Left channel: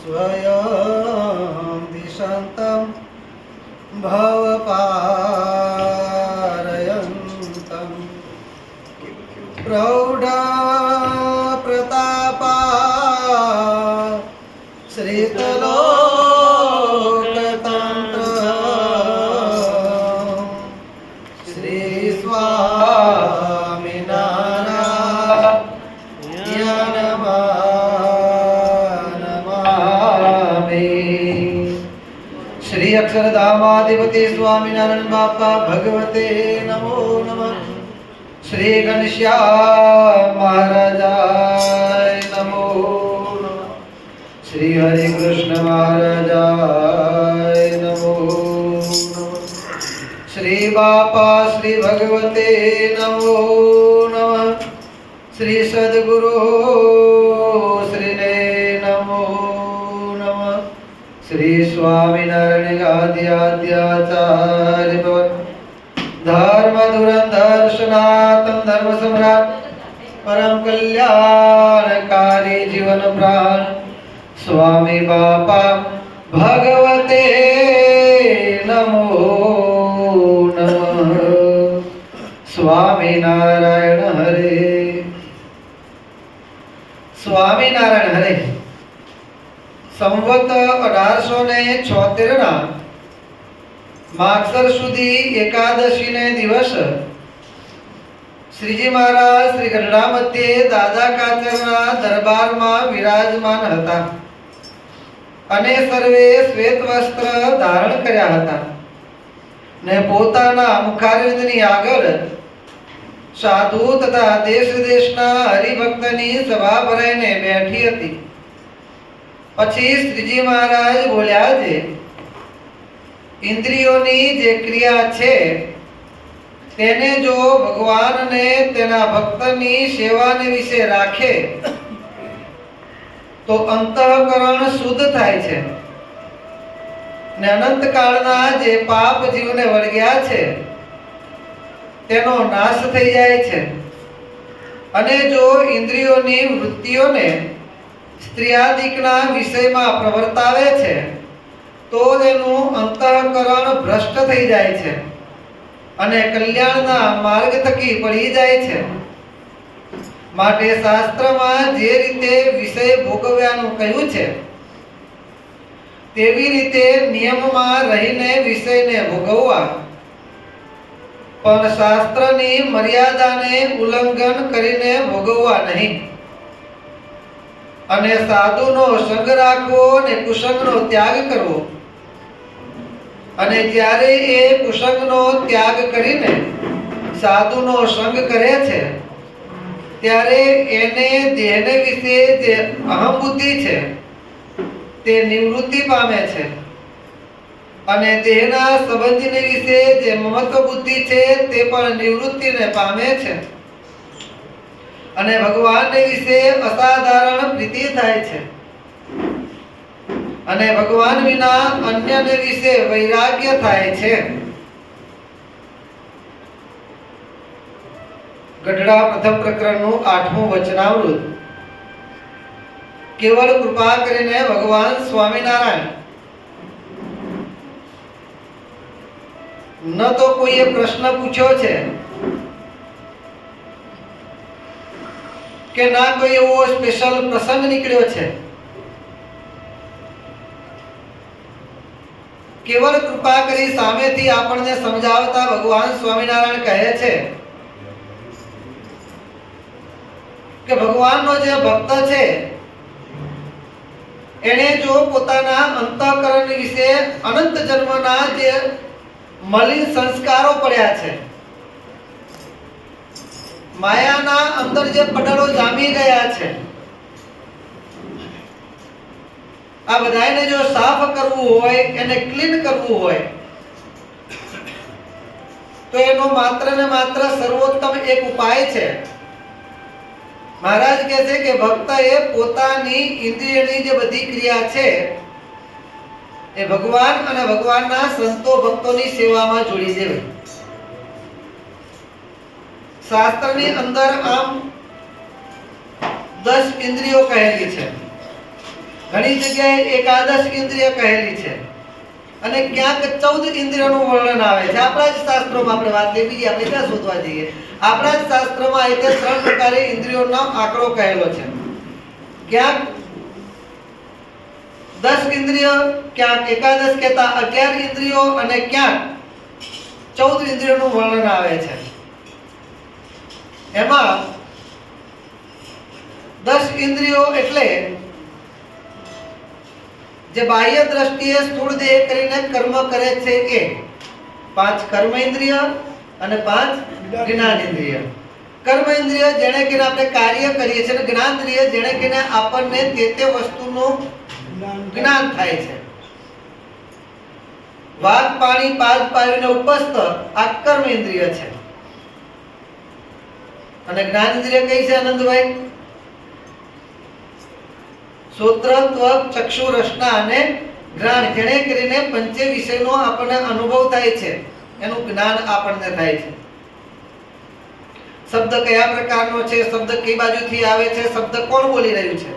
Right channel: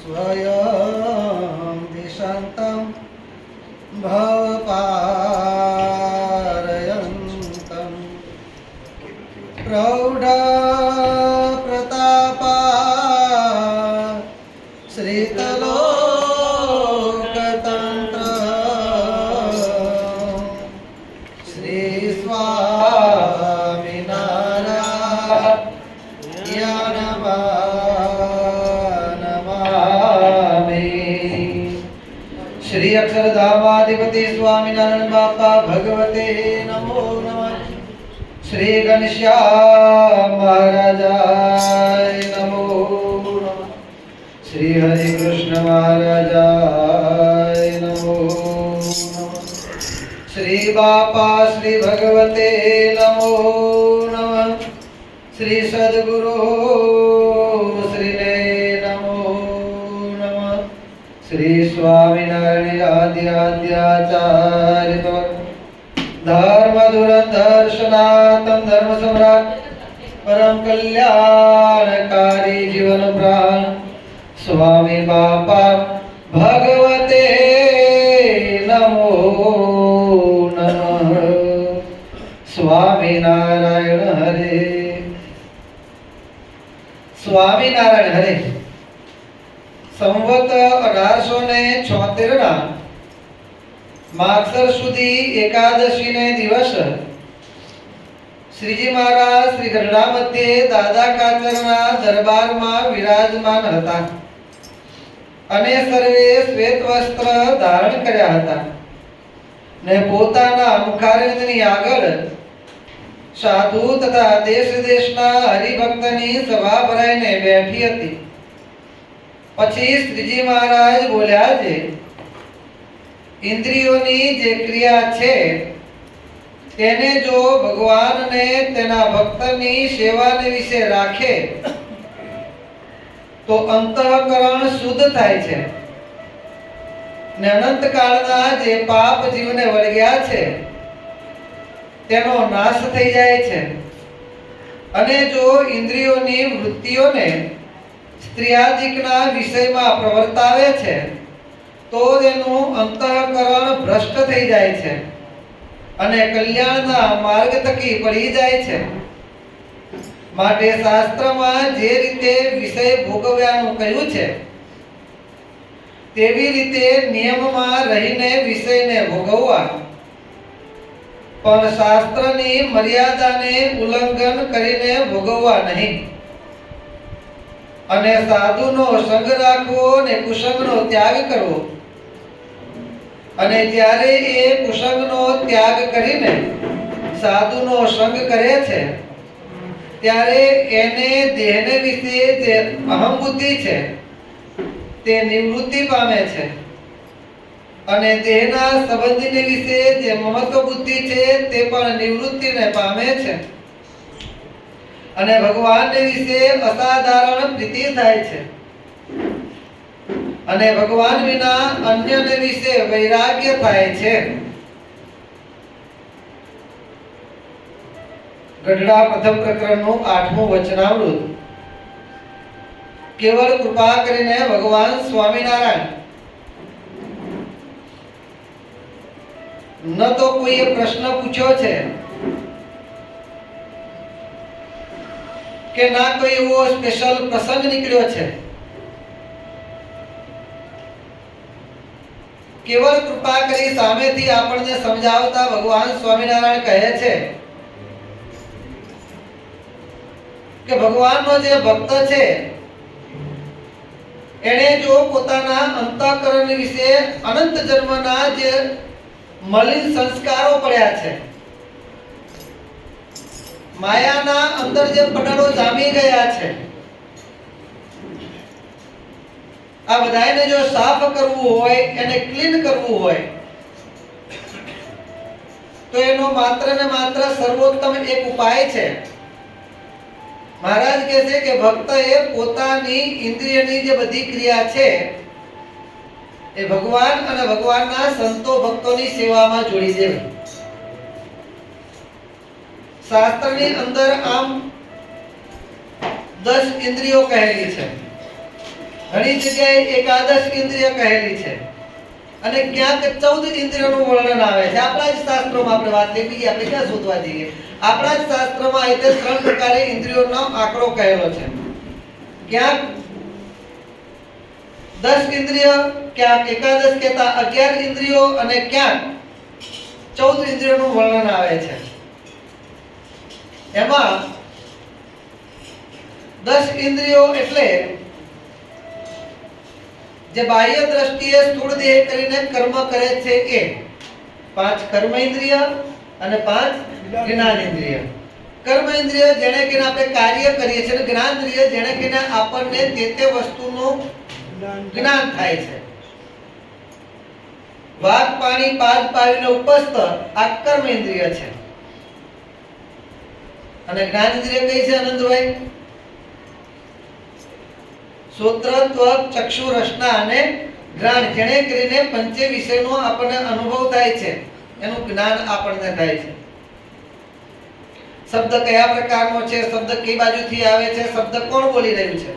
स्वयं दिशान्तं भवपारयन्तं प्रौढा प्रतापा श्रीतलोकतन्त्र श्री स्वामिनारायण नमामि। श्री अक्षरधामाधिपति स्वामिनारायण बापा भगवते नमो नमः। श्री घनश्याम महाराजाय नमो नमः। श्री हरि कृष्ण महाराजाय नमो नमः। श्री बापा श्री भगवते नमो नमः। श्री सद्गुरु श्री ने नमो नमः। श्री स्वामिनारायण आदि आद्याचार्य धर्म धुरंधर सनातन धर्म सम्राट परम कल्याणकारी जीवन प्राण स्वामी बापा भगवते नमो नमः। स्वामी नारायण हरे। स्वामी नारायण हरे। संवत 1876 ના માગસર સુધી એકાદશી ને દિવસ શ્રીજી મહારાજ શ્રી ગઢડા મધ્યે દાદા કાચરના દરબારમાં વિરાજમાન હતા અને સર્વે શ્વેત વસ્ત્ર ધારણ કર્યા હતા ને પોતાના મુખારવિંદની આગળ સાધુ તથા દેશ દેશના હરિભક્તની સભા ભરાઈને બેઠી હતી। પછી શ્રીજી મહારાજ બોલ્યા છે, इंद्रियोनी जे क्रिया छे तेने जो भगवान ने तेना भक्तनी सेवाने विषे राखे तो अंतःकरण शुद्ध थाय छे ने अनंत कालना जे पाप जीवने वळग्या छे तेनो नाश थई जाय छे अने जो इंद्रियोनी वृत्तिओने स्त्रीआदिकना विषयमां प्रवर्तावे छे तो तेनु अंतःकरण भ्रष्ट थई जाय छे अने कल्याणना मार्ग थकी पड़ी जाय छे। माटे शास्त्रमां जे रीते विषय भोगव्यानुं कह्युं छे तेवी रीते नियममां रहीने विषयने भोगववा पण शास्त्रनी मर्यादाने उल्लंघन करीने भोगववा नहीं अने साधुनो संग राखवो ने कुसंगनो त्याग करवो अने ज्यारे ए कुसंगनो त्याग करीने साधुनो संग करे छे त्यारे एने देहने विषे जे अहम बुद्धि छे ते निवृत्ति पामे छे अने देहना संबंधीने विषे जे ममत्व बुद्धि छे ते पण निवृत्तिने पामे छे अने भगवान ने विषे असाधारण प्रीति थाय छे अने भगवान विना अन्य ने विषे वैराग्य थाय छे। गढ़ड़ा प्रथम प्रकरणનું 8મું वचनामृत। केवल कृपा करीने भगवान स्वामीनारायण न तो कोई प्रश्न पूछ्यो छे के ना कोई एवो स्पेशल प्रसंग निकळ्यो छे। केवल कृपा करी सामेथी आपणे समजावता भगवान स्वामीनारायण कहे छे के भगवाननो जे भक्त छे एणे जो पोताना अंतःकरण विषे अनंत जन्मना जे मलिन संस्कारो पड्या छे मायाना अंदर जे पटलो जामी गया छे आ बधाने जो साफ करवू होय एने क्लीन करवू होय तो एनो मात्र ने मात्र सर्वोत्तम एक उपाय छे। महाराज कहे छे के भक्त ए पोतानी इंद्रियनी जे बधी क्रिया छे ए भगवान अने भगवानना संतो भक्तोनी सेवामां जोड़ी देवी। शास्त्रनी अंदर आम 10 ઇન્દ્રિયો કહેલી છે, ઘણી જગ્યાએ એકાદશ ઇન્દ્રિય કહેલી છે, અને ક્યાંક 14 ઇન્દ્રિયોનું વર્ણન આવે છે. આપણા જ શાસ્ત્રોમાં આપણે વાત કરી, બીજી આપણે ક્યાં શોધવા જઈએ? આપણા જ શાસ્ત્રમાં એ 3 પ્રકારે ઇન્દ્રિયોનો આંકડો કહેલો છે. ક્યાંક 10 ઇન્દ્રિય, ક્યાંક એકાદશ કહેતા 11 ઇન્દ્રિયો, અને ક્યાંક 14 ઇન્દ્રિયોનું વર્ણન આવે છે. એમાં 10 ઇન્દ્રિયો એટલે જે બાહ્ય દ્રષ્ટિએ સ્થૂળ દેહ કરીને કર્મ કરે છે એ 5 કર્મ ઇન્દ્રિય અને 5 જ્ઞાન ઇન્દ્રિય. કર્મ ઇન્દ્રિય જેણે કે આપણે કાર્ય કરીએ છીએ, અને જ્ઞાન ઇન્દ્રિય જેણે કે આપણને તે વસ્તુનું જ્ઞાન થાય છે. વાગ પાણી પાદ પાવીને ઉપસ્થ આ કર્મ ઇન્દ્રિય છે. અને જ્ઞાન ઇન્દ્રિય કઈ છે આનંદભાઈ? શ્રોત્ર, ત્વક, ચક્ષુ, રસના અને ઘ્રાણ, જેણે કરીને પંચે વિષયનો આપણને અનુભવ થાય છે, એનું જ્ઞાન આપણને થાય છે. શબ્દ કયા પ્રકારનો છે, શબ્દ કઈ બાજુથી આવે છે, શબ્દ કોણ બોલી રહ્યું છે,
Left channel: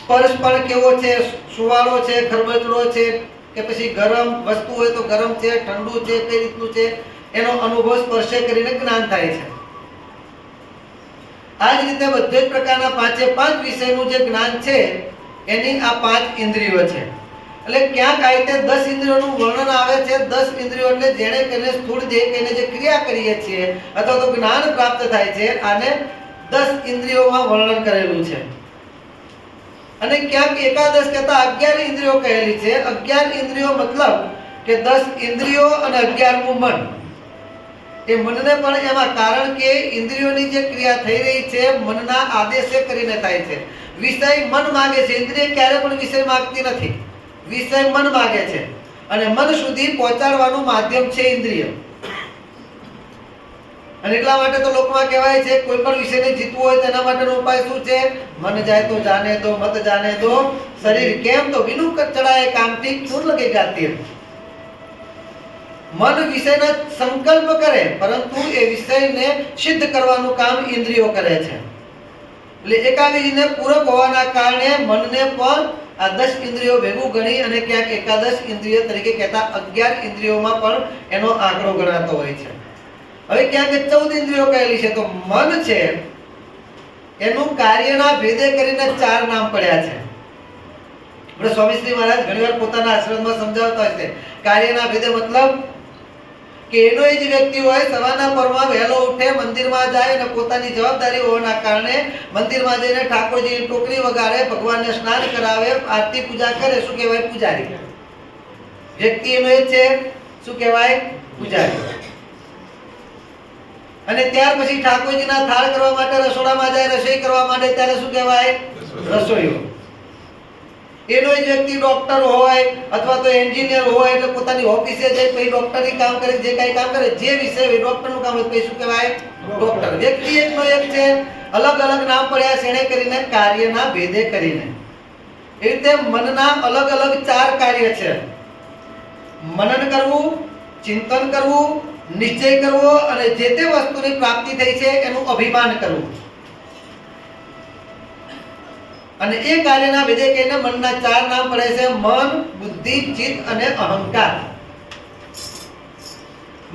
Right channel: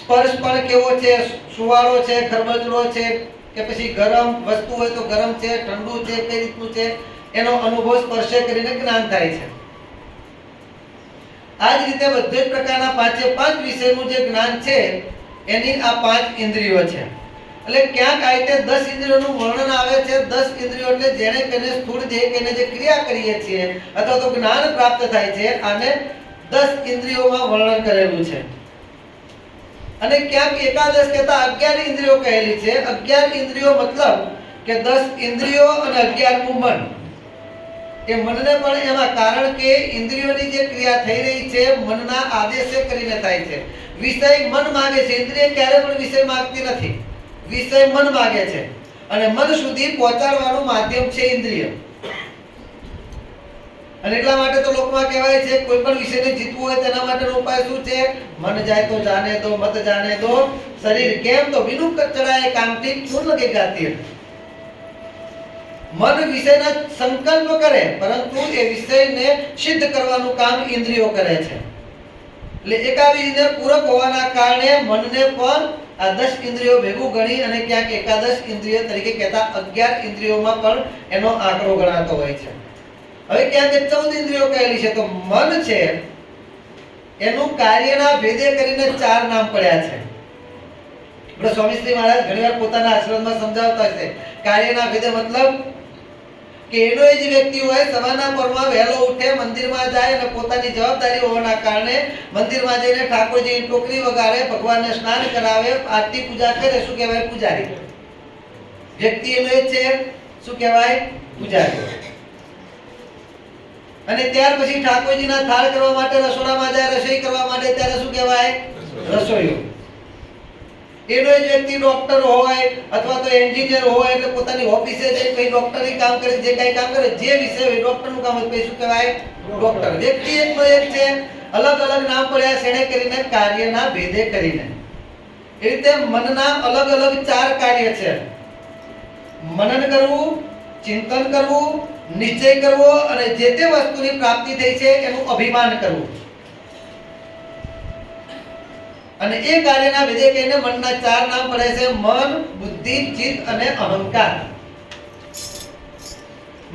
સ્પર્શ પણ કેવો છે, સુવાળો છે, ખરબચડો છે, કે પછી ગરમ વસ્તુ હોય તો ગરમ છે, ઠંડુ છે, કઈ રીતનું છે, એનો અનુભવ સ્પર્શે કરીને જ્ઞાન થાય છે. આ જ રીતે બધે જ પ્રકારના 5 વિષયનું જે જ્ઞાન છે એની આ 5 ઇન્દ્રિયો છે. એટલે ક્યાંક આ રીતે 10 ઇન્દ્રિયોનું વર્ણન આવે છે. 10 ઇન્દ્રિયો એટલે જેણે કરીને સ્થૂળ દેહ કરીને જે ક્રિયા કરીએ છીએ અથવા તો જ્ઞાન પ્રાપ્ત થાય છે, આને 10 ઇન્દ્રિયોમાં વર્ણન કરેલું છે. અને ક્યાંક એકાદશ કહેતા 11 ઇન્દ્રિયો કહેલી છે. 11 ઇન્દ્રિયો મતલબ કે 10 ઇન્દ્રિયો અને 11મું મન. એ મનને પણ એમાં, કારણ કે ઇન્દ્રિયોની જે ક્રિયા થઈ રહી છે મનના આદેશે કરીને થાય છે. વિષય મન માંગે છે, ઇન્દ્રિય ક્યારે પણ વિષય માંગતી નથી, વિષય મન માંગે છે, અને મન સુધી પહોંચાડવાનું માધ્યમ છે ઇન્દ્રિય. અને એટલા માટે તો લોકમાં કહેવાય છે કોઈ પણ વિષયને જીતવું હોય તેના માટેનો ઉપાય શું છે? મન જાય તો જાને દો, મત જાને દો શરીર. કેમ? તો વિનું ચડાય કામથી ફૂલ લગે ગાતી. મન વિષયના સંકલ્પ કરે, પરંતુ એ વિષયને સિદ્ધ કરવાનું કામ ઇન્દ્રિયો કરે છે. એટલે એકાબીજીને પૂરક હોવાના કારણે મનને પણ આ 10 ઇન્દ્રિયો ભેગું ગણી અને ક્યાંક એકાદશ ઇન્દ્રિય તરીકે કહેતા 11 ઇન્દ્રિયોમાં પણ એનો આંકડો ગણાતો હોય છે. હવે ક્યાંક 14 ઇન્દ્રિયો કહેલી છે. તો મન છે એનું કાર્યના ભેદે કરીને 4 નામ પડ્યા છે. આપણે સ્વામીશ્રી મહારાજ ઘણીવાર પોતાના આશ્રમમાં સમજાવતા હોય છે કાર્યના ભેદે, મતલબ કે એનો એ જ વ્યક્તિ હોય, સવારના પરમાં વહેલો ઉઠે, મંદિરમાં જાય અને પોતાની જવાબદારી હોવાના કારણે મંદિરમાં જઈને ઠાકોરજીની ટોકરી વગાડે, ભગવાનને સ્નાન કરાવે, આરતી પૂજા કરે, શું કહેવાય? પૂજારી. વ્યક્તિ એનો એ છે, શું કહેવાય? પૂજારી. અને ત્યાર પછી ઠાકોરજીના થાળ કરવા માટે રસોડામાં જાય, રસોઈ કરવા માટે, ત્યારે શું કહેવાય? રસોઈયો. એનો જ વ્યક્તિ ડોક્ટર હોય અથવા તો એન્જિનિયર હોય, એટલે પોતાની ઓફિસે જઈ પછી ડોક્ટરી કામ કરે, જે કઈ કામ કરે, જે વિષય હોય ડોક્ટરનું કામ હોય, પછી શું કહેવાય? ડોક્ટર. વ્યક્તિ એકનો એક છે, અલગ અલગ નામ પડ્યા છે એને કરીને કાર્યના ભેદે કરીને. એ રીતે મનના અલગ અલગ 4 કાર્ય છે. મનન કરવું, ચિંતન કરવું, નિશ્ચય કરવો, અને જે તે વસ્તુની પ્રાપ્તિ થઈ છે એનું અભિમાન કરવું. અને એ કાર્યના ભેદે કહીને મનના 4 નામ પડે છે: મન, બુદ્ધિ, ચિત્ત અને અહંકાર.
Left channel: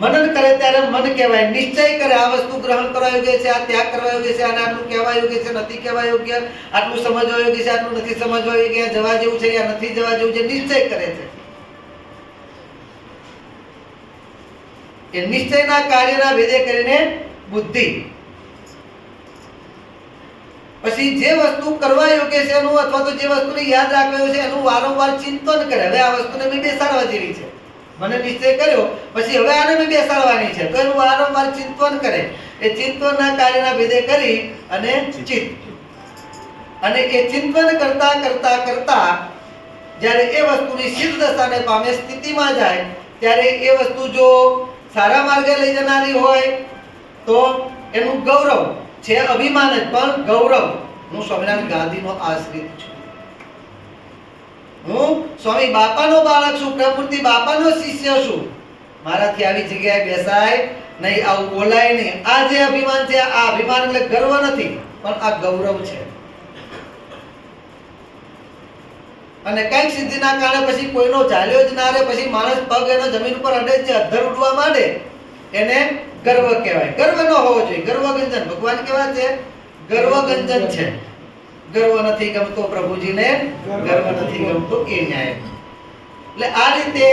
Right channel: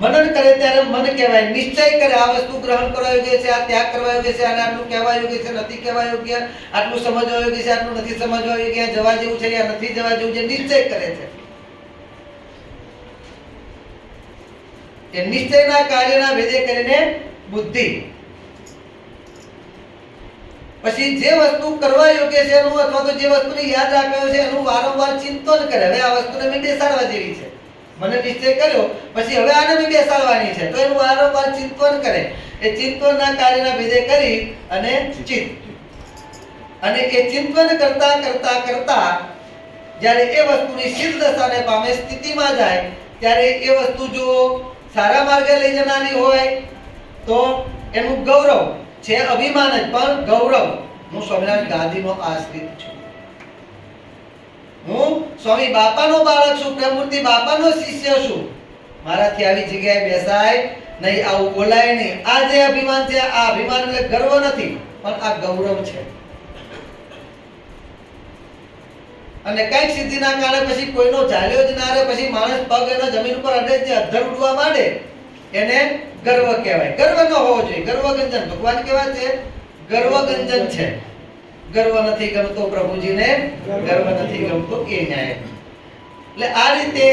મનન કરે ત્યારે મન કહેવાય. નિશ્ચય કરે, આ વસ્તુ ગ્રહણ કરવા યોગ્ય છે, આ ત્યાગ કરવા યોગ્ય છે, આને આટલું કહેવા યોગ્ય છે, નથી કહેવા યોગ્ય, આટલું સમજવા યોગ્ય છે, આટલું નથી સમજવા યોગ્ય, આ જવા જેવું છે, આ નથી જવા જેવું છે, નિશ્ચય કરે છે. એ નિશ્ચયના કાર્યના ભેદે કરીને બુદ્ધિ. પછી જે વસ્તુ કરવા યોગ્ય છે એનું, અથવા તો જે વસ્તુને યાદ રાખવા છે એનું વારંવાર ચિંતન કરે. હવે આ વસ્તુને મેં બેસાડવા જેવી છે, મને નિશ્ચય કર્યો, પછી હવે આને મેં બેસાડવાની છે, તો એનું વારંવાર ચિંતન કરે. એ ચિંતનના કાર્યના ભેદે કરી અને ચિત્ત. અને એ ચિંતન કરતા કરતા કરતા જ્યારે એ વસ્તુની સિદ્ધ દશાને પામે, સ્થિતિમાં જાય, ત્યારે એ વસ્તુ જો સારા માર્ગે લઈ જનારી હોય તો એનું ગૌરવ છે, અભિમાન જ, પણ ગૌરવ. હું સ્વામિનારાયણ ગાદીનો આશ્રિત છું, હું સ્વામી બાપાનો બાળક છું, પ્રેમમૂર્તિ બાપાનો શિષ્ય છું, મારાથી આવી જગ્યાએ બેસાય નહીં, આવું બોલાય નહીં. આ જે અભિમાન છે, આ અભિમાન એટલે ગર્વ નથી. પણ આ ગૌરવ છે. અને કઈક સિદ્ધિના કારણે પછી કોઈનો ચાલ્યો જ ના રહે, પછી માણસ પગ એનો જમીન ઉપર અડે છે, અધર ઉડવા માંડે, એને ગર્વ કહેવાય. ગર્વ ન હોવો જોઈએ. ગર્વગંજન ભગવાન કેવા છે? ગર્વગંજન છે. ગર્વ નથી ગમતો પ્રભુજીને, ગર્વ નથી ગમતો એ ન્યાય. એટલે આ રીતે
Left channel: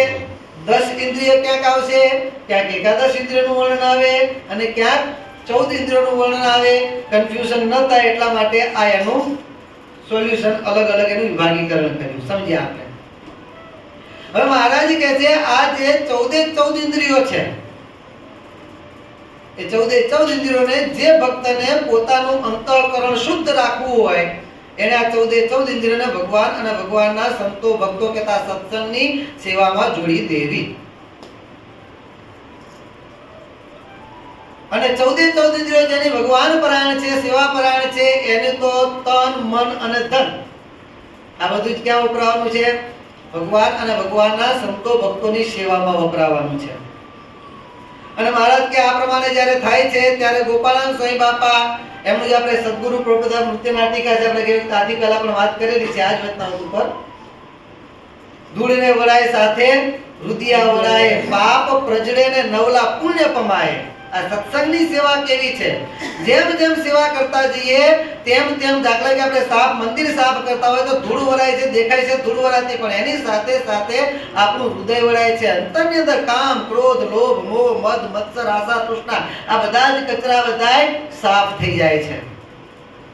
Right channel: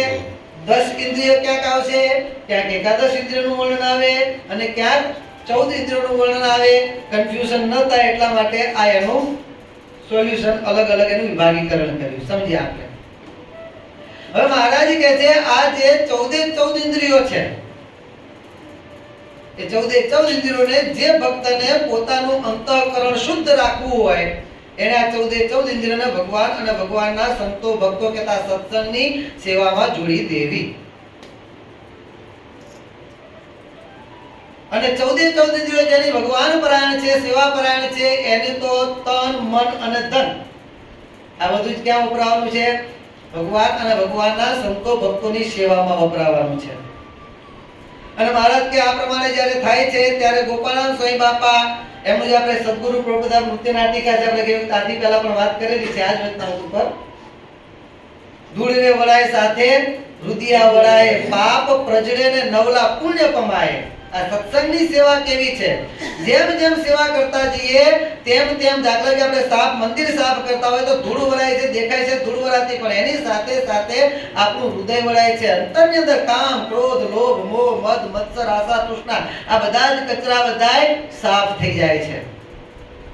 10 ઇન્દ્રિયો ક્યાંક આવશે, ક્યાંક એકાદશ ઇન્દ્રિયનું વર્ણન આવે અને ક્યાંક 14 ઇન્દ્રિયોનું વર્ણન આવે. કન્ફ્યુઝન ન થાય એટલા માટે આ એનું સોલ્યુશન અલગ અલગ એનું વિભાગીકરણ કર્યું. સમજ્યા આપણે? હવે મહારાજ કહે છે આ જે 14 ઇન્દ્રિયો છે, એ 14 ઇન્દ્રિયોને જે ભક્તને પોતાનું અંતઃકરણ શુદ્ધ રાખવું હોય એને આ 14 ઇન્દ્રિયોને ભગવાન અને ભગવાનના સંતો ભક્તો કહેતા સત્સંગની સેવામાં જોડી દેવી. અને 14 ઇન્દ્રિયો જેની ભગવાન પરાયણ છે, સેવા પરાયણ છે, એને તો તન, મન અને ધન આ બધું જ ક્યાં વપરાવાનું છે? ભગવાન અને ભગવાનના સંતો ભક્તોની સેવામાં વપરાવાનું છે. અને મહારાજ કે આ પ્રમાણે જ્યારે થાય છે ત્યારે ગોપાળાનંદ સ્વામી બાપા એમનું જે આપણે સદગુરુ પ્રભુદાસ નૃત્ય નાટિકા છે, આપણે કેવી આથી પહેલા પણ વાત કરેલી છે આ જ વચનામૃત ઉપર. ધૂળને વળાય સાથે રુદિયા વળાય, પાપ પ્રજળે ને નવલા પુણ્ય પમાય. આ સત્સંગની સેવા કેવી છે? જેમ જેમ સેવા કરતા જઈએ તેમ તેમ, દાખલા કે આપણે સાફ મંદિર સાફ કરતા હોય તો ધૂળ વળાય છે, દેખાય છે ધૂળ વળાતી, પણ એની સાથે સાથે આપણું હૃદય વળાય છે. અંતરની અંદર કામ, ક્રોધ, લોભ, મોહ, મદ, મત્સર, આશા, તૃષ્ણા આ બધા જ કચરા બધાય સાફ થઈ જાય છે.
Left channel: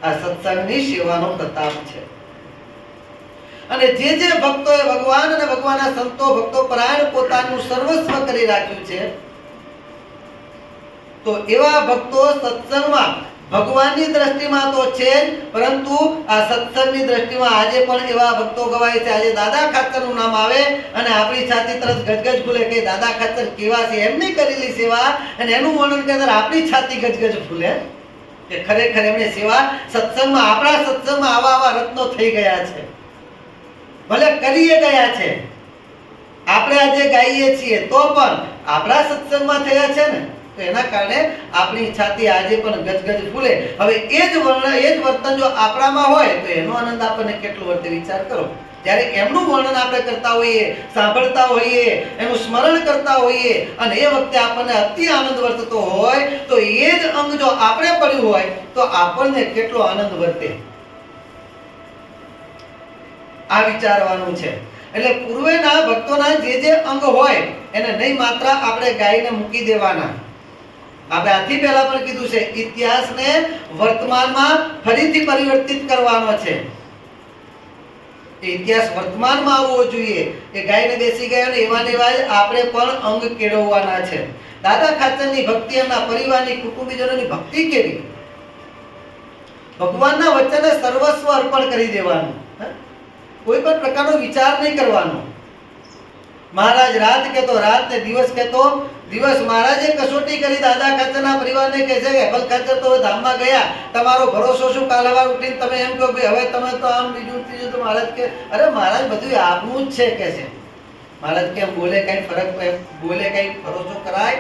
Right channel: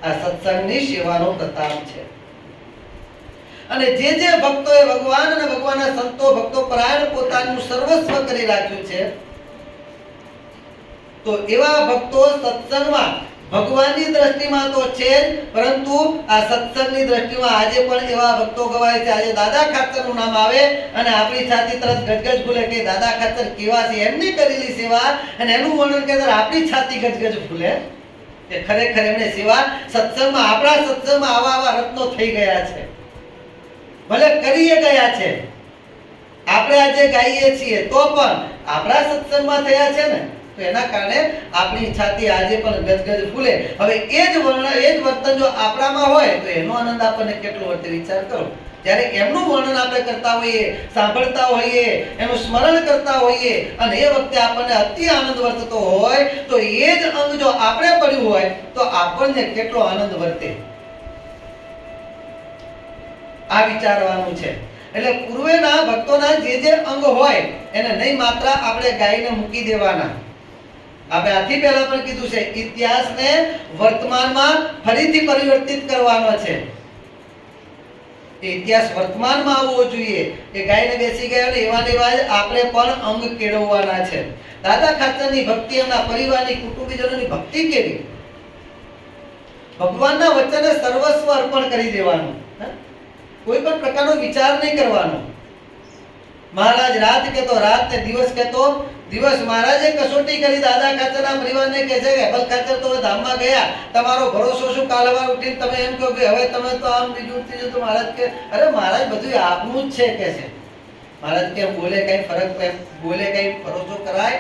આ સત્સંગની સેવાનો પ્રતાપ છે. અને જે ભક્તોએ ભગવાન અને ભગવાનના સંતો ભક્તો પરાયણ પોતાનું સર્વસ્વ કરી રાખ્યું છે, તો એવા ભક્તો સત્સંગમાં ભગવાનની દ્રષ્ટિમાં તો છે જ, પરંતુ આ સત્સંગની દ્રષ્ટિમાં આજે પણ એવા ભક્તો ગવાય છે. આજે દાદા ખાચરનું નામ આવે અને આપણી છાતી તરત ગજગજ ફૂલે કે દાદા ખાચર કેવા છે, એમની કરેલી સેવા અને એનું વર્ણન કરે આપણી છાતી ગજગજ ફૂલે કે ખરેખર એમની સેવા સત્સંગમાં, આપણા સત્સંગમાં આવા આવા રત્નો થઈ ગયા છે. ભલે કરીએ ગયા છે, આપણે આજે ગાઈએ છીએ તો પણ આપણા સત્સંગમાં થયા છે ને, તો એના કારણે આપણી છાતી આજે પણ ગજગજ ફૂલે. હવે એ જ વર્તન જો આપણામાં હોય તો એનો આનંદ આપણને કેટલો વર્તે વિચાર કરો. જ્યારે એમનું વર્ણન આપણે કરતા હોઈએ, સાંભળતા હોઈએ, એનું સ્મરણ કરતા હોઈએ અને એ વખતે આપણને અતિ આનંદ વર્તતો હોય તો એ જ અંગ જો આપણે પડ્યું હોય તો આપણને કેટલો આનંદ વર્તે, આ વિચારવાનું છે. એટલે પૂર્વેના ભક્તોના જે અંગ હોય એને નહીં માત્ર આપણે ગાઈને મૂકી દેવાના. આપણે આથી પહેલા પણ કીધું છે, ઇતિહાસને વર્તમાનમાં ફરીથી પરિવર્તિત કરવાનો છે. ઇતિહાસ વર્તમાનમાં આવવો જોઈએ. એ ગાયને બેસી ગયા એવા એવા આપણે પણ અંગ કેળવવાના છે. દાદા ખાચરની ભક્તિ, એમના પરિવારની, કુટુંબીજનોની ભક્તિ કેવી? ભગવાનના વચને સર્વસ્વ અર્પણ કરી દેવાનું, કોઈ પણ પ્રકારનો વિચાર નહીં કરવાનો. મહારાજ રાત કહેતો રાત ને દિવસ કહેતો દિવસ. મહારાજે કસોટી કરી દાદા ખાચરના પરિવારને કહે છે કે અબલ ખાચર તો ધામમાં ગયા, તમારો ભરોસો શું? કાલ સવાર ઉઠીને તમે એમ કહો કે હવે તમે તો આમ બીજું ત્રીજું. તો મહારાજ કે અરે મહારાજ બધું આપનું જ છે કે છે. મહારાજ કે બોલે કઈ ફરક, બોલે કઈ ભરોસો કરાય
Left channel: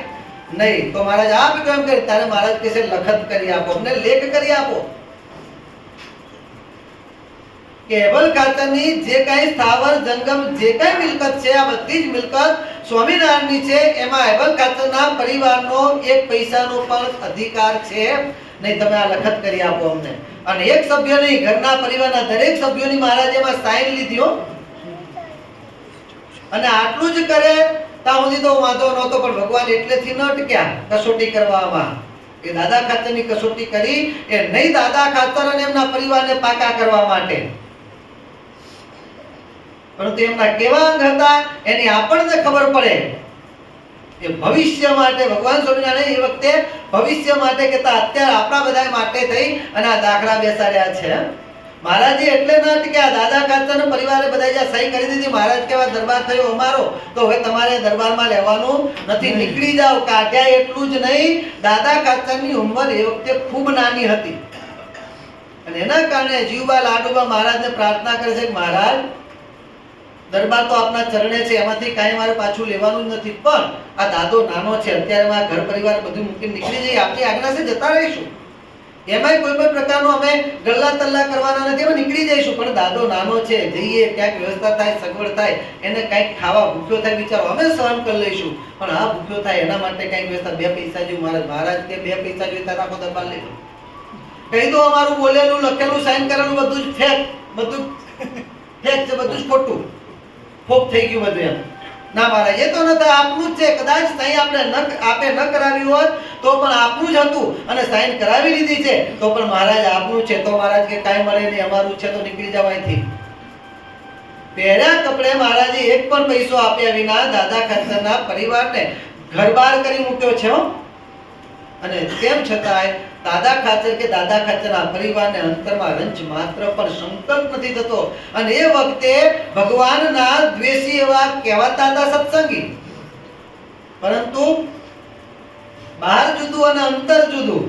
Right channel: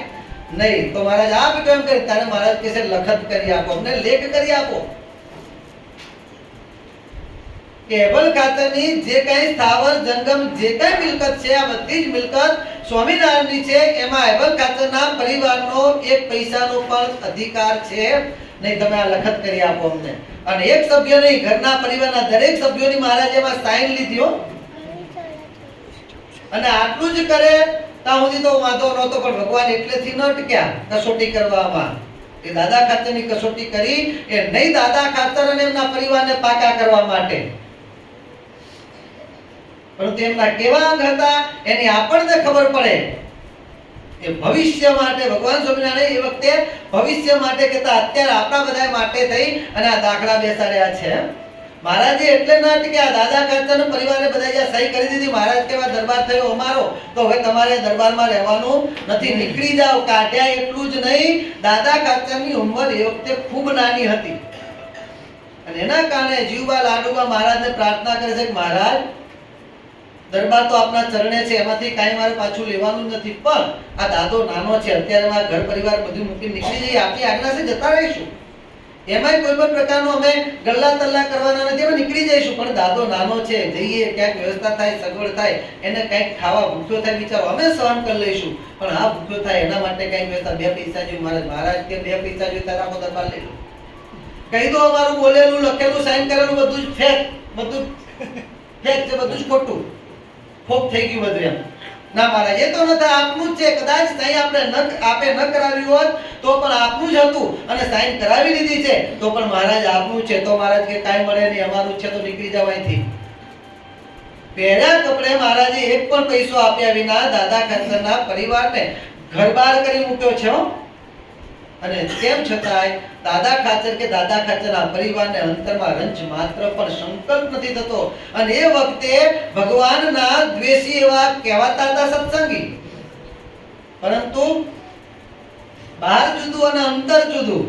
નહીં. તો મહારાજ આપ કેમ કરે? તારે મહારાજ કે છે લખત કરી આપો, અમને લેખ કરી આપો કે અબલ ખાચરની જે કઈ સ્થાવર જંગમ જે કઈ મિલકત છે આ બધી જ મિલકત સ્વામિનારાયણની છે. એમાં અબલ ખાચરના પરિવારનો એક પૈસાનો પણ અધિકાર છે નહીં. તમે આ લખત કરી આપો અમને. અને એક સભ્ય નહીં, ઘરના પરિવારના દરેક સભ્યોની મહારાજે એમાં સાઈન લીધી હો. અને આટલું જ કરે ત્યાં સુધી તો વાંધો નહોતો, પણ ભગવાન એટલેથી ન ટક્યા કસોટી કરવામાં. એ દાદા ખાચરની કસોટી કરી એ નહીં દાદા ખાચર અને એમના પરિવારને પાકા કરવા માટે, પરંતુ એમના કેવા અંગ હતા એની આપણને ખબર પડે. એ ભવિષ્ય માટે ભગવાન સ્વામિનારાયણ એ વખતે ભવિષ્ય માટે કહેતા, અત્યારે આપણા બધા માટે થઈ અને આ દાખલા બેસાડ્યા છે. મહારાજે એટલે ન કે આ દાદા ખાચર પરિવારે બધા જ્યાં સહી કરી દીધી, મહારાજ કેવા દરબાર થયો અમારો, તો હવે તમારે દરબારમાં રહેવાનું નથી, નીકળી જાઓ. કાઢ્યા એટલું જ નહીં, દાદા ખાચરની ઉંમર એ વખતે ખૂબ નાની હતી અને એના કારણે જીવબા લાડુબા મહારાજને પ્રાર્થના કરે છે કે મહારાજ દરબાર તો આપના ચરણે છે, એમાંથી કાંઈ મારે પાછું લેવાનું જ નથી, પણ આ દાદો નાનો છે, અત્યારે ઘર પરિવાર બધું મૂકીને નીકળી જઈએ, આપની આજ્ઞા છે જતા રહીશું. એમાંય કોઈ પણ પ્રકારનો અમે ગલ્લા તલ્લા કરવાના નથી, અમે નીકળી જઈશું, પણ દાદો નાનો છે, જઈએ ક્યાંક વ્યવસ્થા થાય, સગવડ થાય, એને કંઈક ખાવા ભૂખ્યો થાય બિચારો, અમે સહન કરી લઈશું, પણ આ ભૂખ્યો થાય એના માટે કંઈક વ્યવસ્થા, 2 પૈસા જેવું મહારાજ કે 2 પૈસા જોઈતા રાખો દરબાર લઈ લો, કહી દો અમારું બોલેલું લખેલું સાઈન કરેલું બધું જ ફેક, બધું ફેક છે, બધું જ ખોટું, ફોક થઈ ગયું બધું એમ. ના મહારાજ, એ તો નથી, આપનું જ છે, કદાચ સાઈન આપણે આપે ન કરાવી હોત તો પણ આપનું જ હતું, અને સાઈન કરાવી લીધી છે તો પણ મહારાજ આપનું છે, તો મહારાજ કે કાંઈ મળે નહીં, અમારું છે તો નીકળી જાવ અહીંથી. પહેર્યા કપડે મહારાજે એક પણ પૈસો આપ્યા વિના દાદા ખાચરના પરિવારને ઘરબાર કરી મૂક્યો છે, અને તેમ છતાંય દાદા ખાચર કે દાદા ખાચરના પરિવારને અંતરમાં રંજ માત્ર પણ સંકલ્પ નથી થતો. અને એ વખતે ભગવાનના દ્વેષી એવા કહેવાતા હતા સત્સંગી, પરંતુ બહાર જુદું અને અંતર જુદું.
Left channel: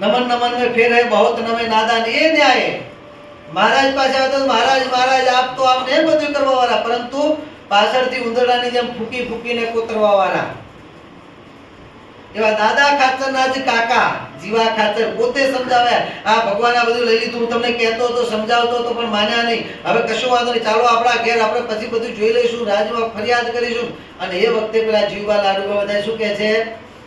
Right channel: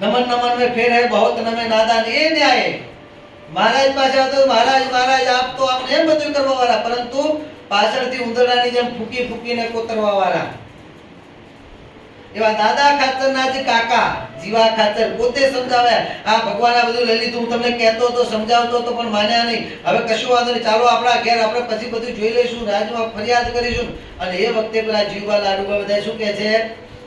નમન નમન में फेर है बहुत नमे नादान, એ ન્યાય મહારાજ પાસે આવતો મહારાજ મહારાજ આપ તો આમને એમ બધું કરવા વાળા, પરંતુ પાછળથી ઉંદરડાની જેમ ફૂકી ફૂકીને કોતરવા વાળા. એવા દાદા ખાચરના જ કાકા જીવા ખાચર પોતે સમજાવે, આ ભગવાન આ બધું લઈ લીધું, હું તમને કહેતો હતો, સમજાવતો હતો, પણ માન્યા નહીં, હવે કશું વાંધો નહીં, ચાલો આપણા ઘેર આપણે પછી બધું જોઈ લઈશું, રાજમાં ફરિયાદ કરીશું. અને એ વખતે પેલા જીવવા લાડુબા બધા શું કહે છે,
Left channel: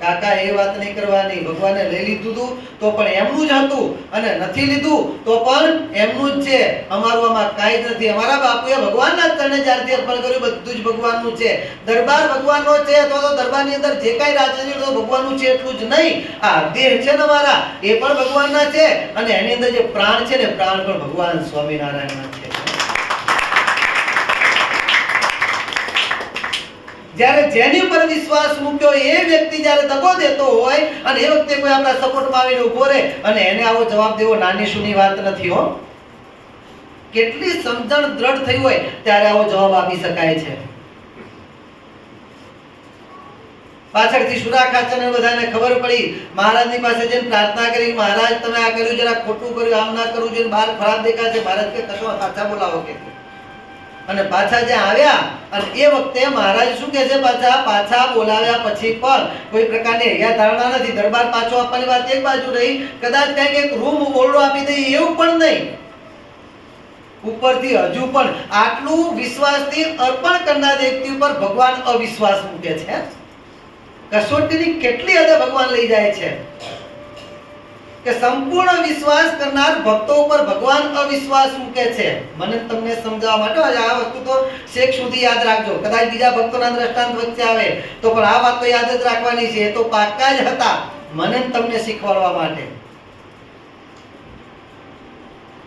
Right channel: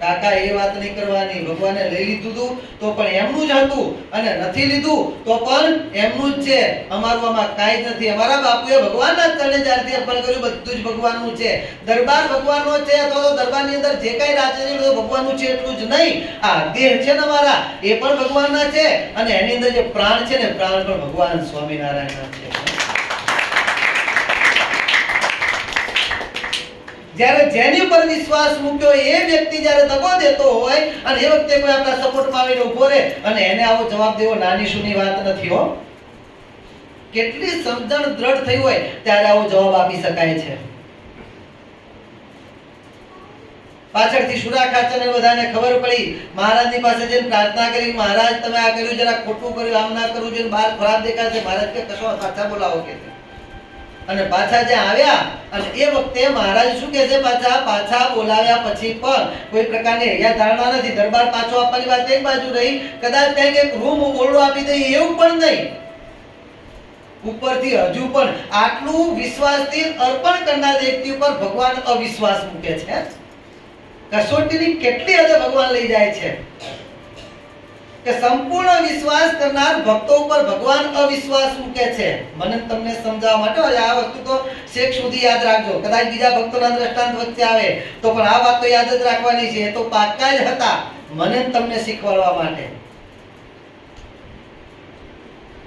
કાકા એ વાત નહીં કરવાની, ભગવાને લઈ લીધું હતું તો પણ એમનું જ હતું, અને નથી લીધું તો પણ એમનું જ છે, અમારું આમાં કાંઈ જ નથી. અમારા બાપુએ ભગવાનના ચરણે જ્યારથી અર્પણ કર્યું બધું જ ભગવાનનું છે. દરબાર ભગવાનનો છે તો દરબારની અંદર જે કાંઈ રાજ છે ભગવાનનું છે એટલું જ નહીં, આ દેહ છે ને મારા એ પણ ભગવાનના છે, અને એની અંદર જે પ્રાણ છે ને પ્રાણ પણ ભગવાન સ્વામિનારાયણના છે. જ્યારે જેની ઉપર વિશ્વાસ મૂક્યો એ વ્યક્તિ જ્યારે દગો દેતો હોય અને એ વખતે કોઈ આપણા સપોર્ટમાં આવીને ઉભો રહે અને એને આવો જવાબ દેવો નાની સૂની વાત નથી હો. કેટલી સમજણ દ્રઢ થઈ હોય ત્યારે આવો જવાબ આપી શકાય છે. પાછળથી સુરા ખાચરને બધાને ખબર પડી, મહારાજની પાસે જઈને પ્રાર્થના કરી, મહારાજ તમે આ કર્યું જરા ખોટું કર્યું, આમ ના કરવું જોઈએ, બહાર ખરાબ દેખાશે. મહારાજ કે કશો પાછા બોલાવો કે, અને પાછા જ્યાં આવ્યા અને એ વખતે મહારાજ શું કહે છે, પાછા બોલાવ્યા પછી પણ કોઈ પ્રકારની હૈયા ધારણા નથી. દરબાર પાછો આપવાની વાત એક બાજુ રહી, કદાચ કંઈક એક રૂમ ઓરડો આપી દઈએ એવું પણ નહીં, ઉપરથી હજુ પણ આટલું વિશ્વાસથી અર્પણ કરનાર વ્યક્તિ ઉપર ભગવાન અવિશ્વાસ મૂકે છે. કસોટીની કેટલી હદે ભગવાન લઈ જાય છે કે સંપૂર્ણ વિશ્વાસ કરનાર ભક્તો ઉપર ભગવાન અવિશ્વાસ મૂકે છે. મને તમને સમજાવવા માટે આ વસ્તુ તો શેખ સુધી યાદ રાખજો, કદાચ બીજા ભક્તોના દ્રષ્ટાંત વચ્ચે આવે તો પણ આ વાત તો યાદ જ રાખવાની છે. એ તો પાક્કા જ હતા મને તમને શીખવાડવા માટે.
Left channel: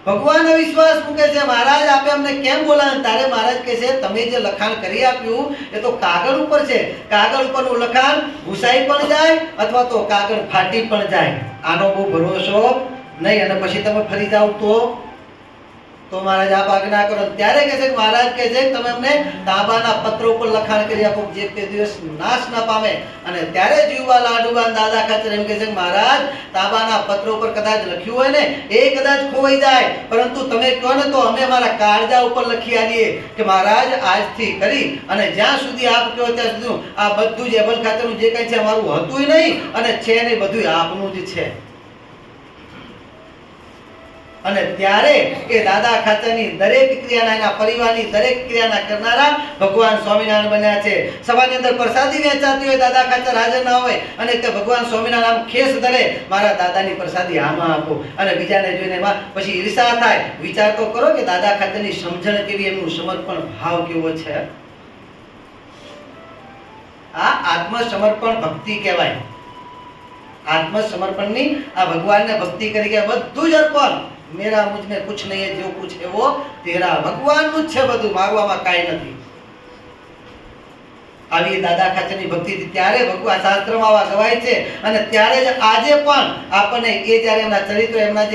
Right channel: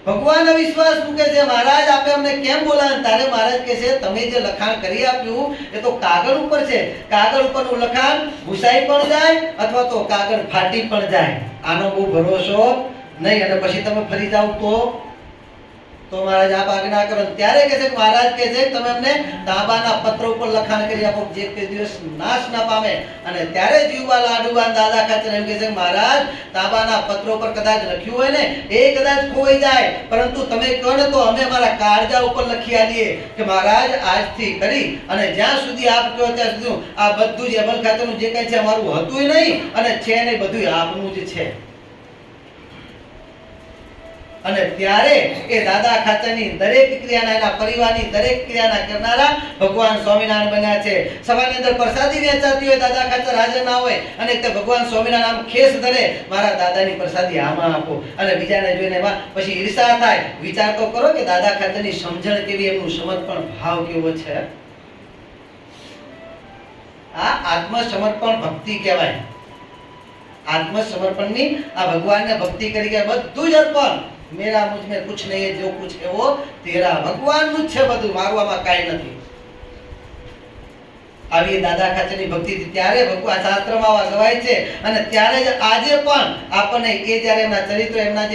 ભગવાન અવિશ્વાસ મૂકે છે. મહારાજ આપે અમને કેમ બોલાવે? તારે મહારાજ કહે છે તમે જે લખાણ કરી આપ્યું એ તો કાગળ ઉપર છે, કાગળ ઉપરનું લખાણ ભૂસાઈ પણ જાય અથવા તો કાગળ ફાટી પણ જાય, આનો બહુ ભરોસો નહીં. અને પછી તમે ફરી જાવ તો મહારાજ આપ આજ્ઞા કરો. ત્યારે કહે છે મહારાજ કહે છે તમે અમને તાંબાના પત્ર ઉપર લખાણ કરી આપો જે તે દિવસ નાશ ના પામે. અને ત્યારે જીવવા લાડુબા દાદા ખાચર એમ કહે છે મહારાજ તાંબાના પત્ર ઉપર કદાચ લખ્યું હોય ને એ કદાચ ખોવાઈ જાય, પરંતુ તમે કહો ને તો અમે અમારા કાળજા ઉપર લખી આલીએ કે મહારાજ આજથી કરી અને જ્યાં સુધી આપ કહો ત્યાં સુધી આ બધું જ અબલ ખાચરનું જે કંઈ છે અમારું હતું નહીં અને છે નહીં, બધું આપનું જ છે. અને ત્યારે એ દાદા ખાચરની દરેક ક્રિયાના એના પરિવારની દરેક ક્રિયાના કરનારા ભગવાન સ્વામિનારાયણ બન્યા છે. સભાની અંદર પ્રસાદી વેચાતી હોય, દાદા ખાચર હાજર ના હોય અને તે ભગવાન સ્વામિનારાયણ ખેસ ધરે, મારા દાદાની પ્રસાદી આમાં આપો, અને બીજાને જોઈને એમાં પછી ઈર્ષા થાય. વિચાર તો કરો કે દાદા ખાચરની સમજણ કેવી, એમનું સમર્પણ ભાવ કેવો છે. આ આત્મસમર્પણ ભક્તિ કહેવાય. આત્મસમર્પણની આ ભગવાનને ભક્તિ કરી કે બધું જ અર્પણ, મેરા મુझ में कुछ नहीं है, जो कुछ है वो तेरा. ભગવાનનું જ છે બધું, મારું આમાં કાંઈ નથી. આવી દાદા ખાચરની ભક્તિ ત્યારે ભગવાન શાસ્ત્રમાં આવા ગવાય છે. અને ત્યારે જ આજે પણ આપણને એ જ્યારે એમના ચરિત્ર એમના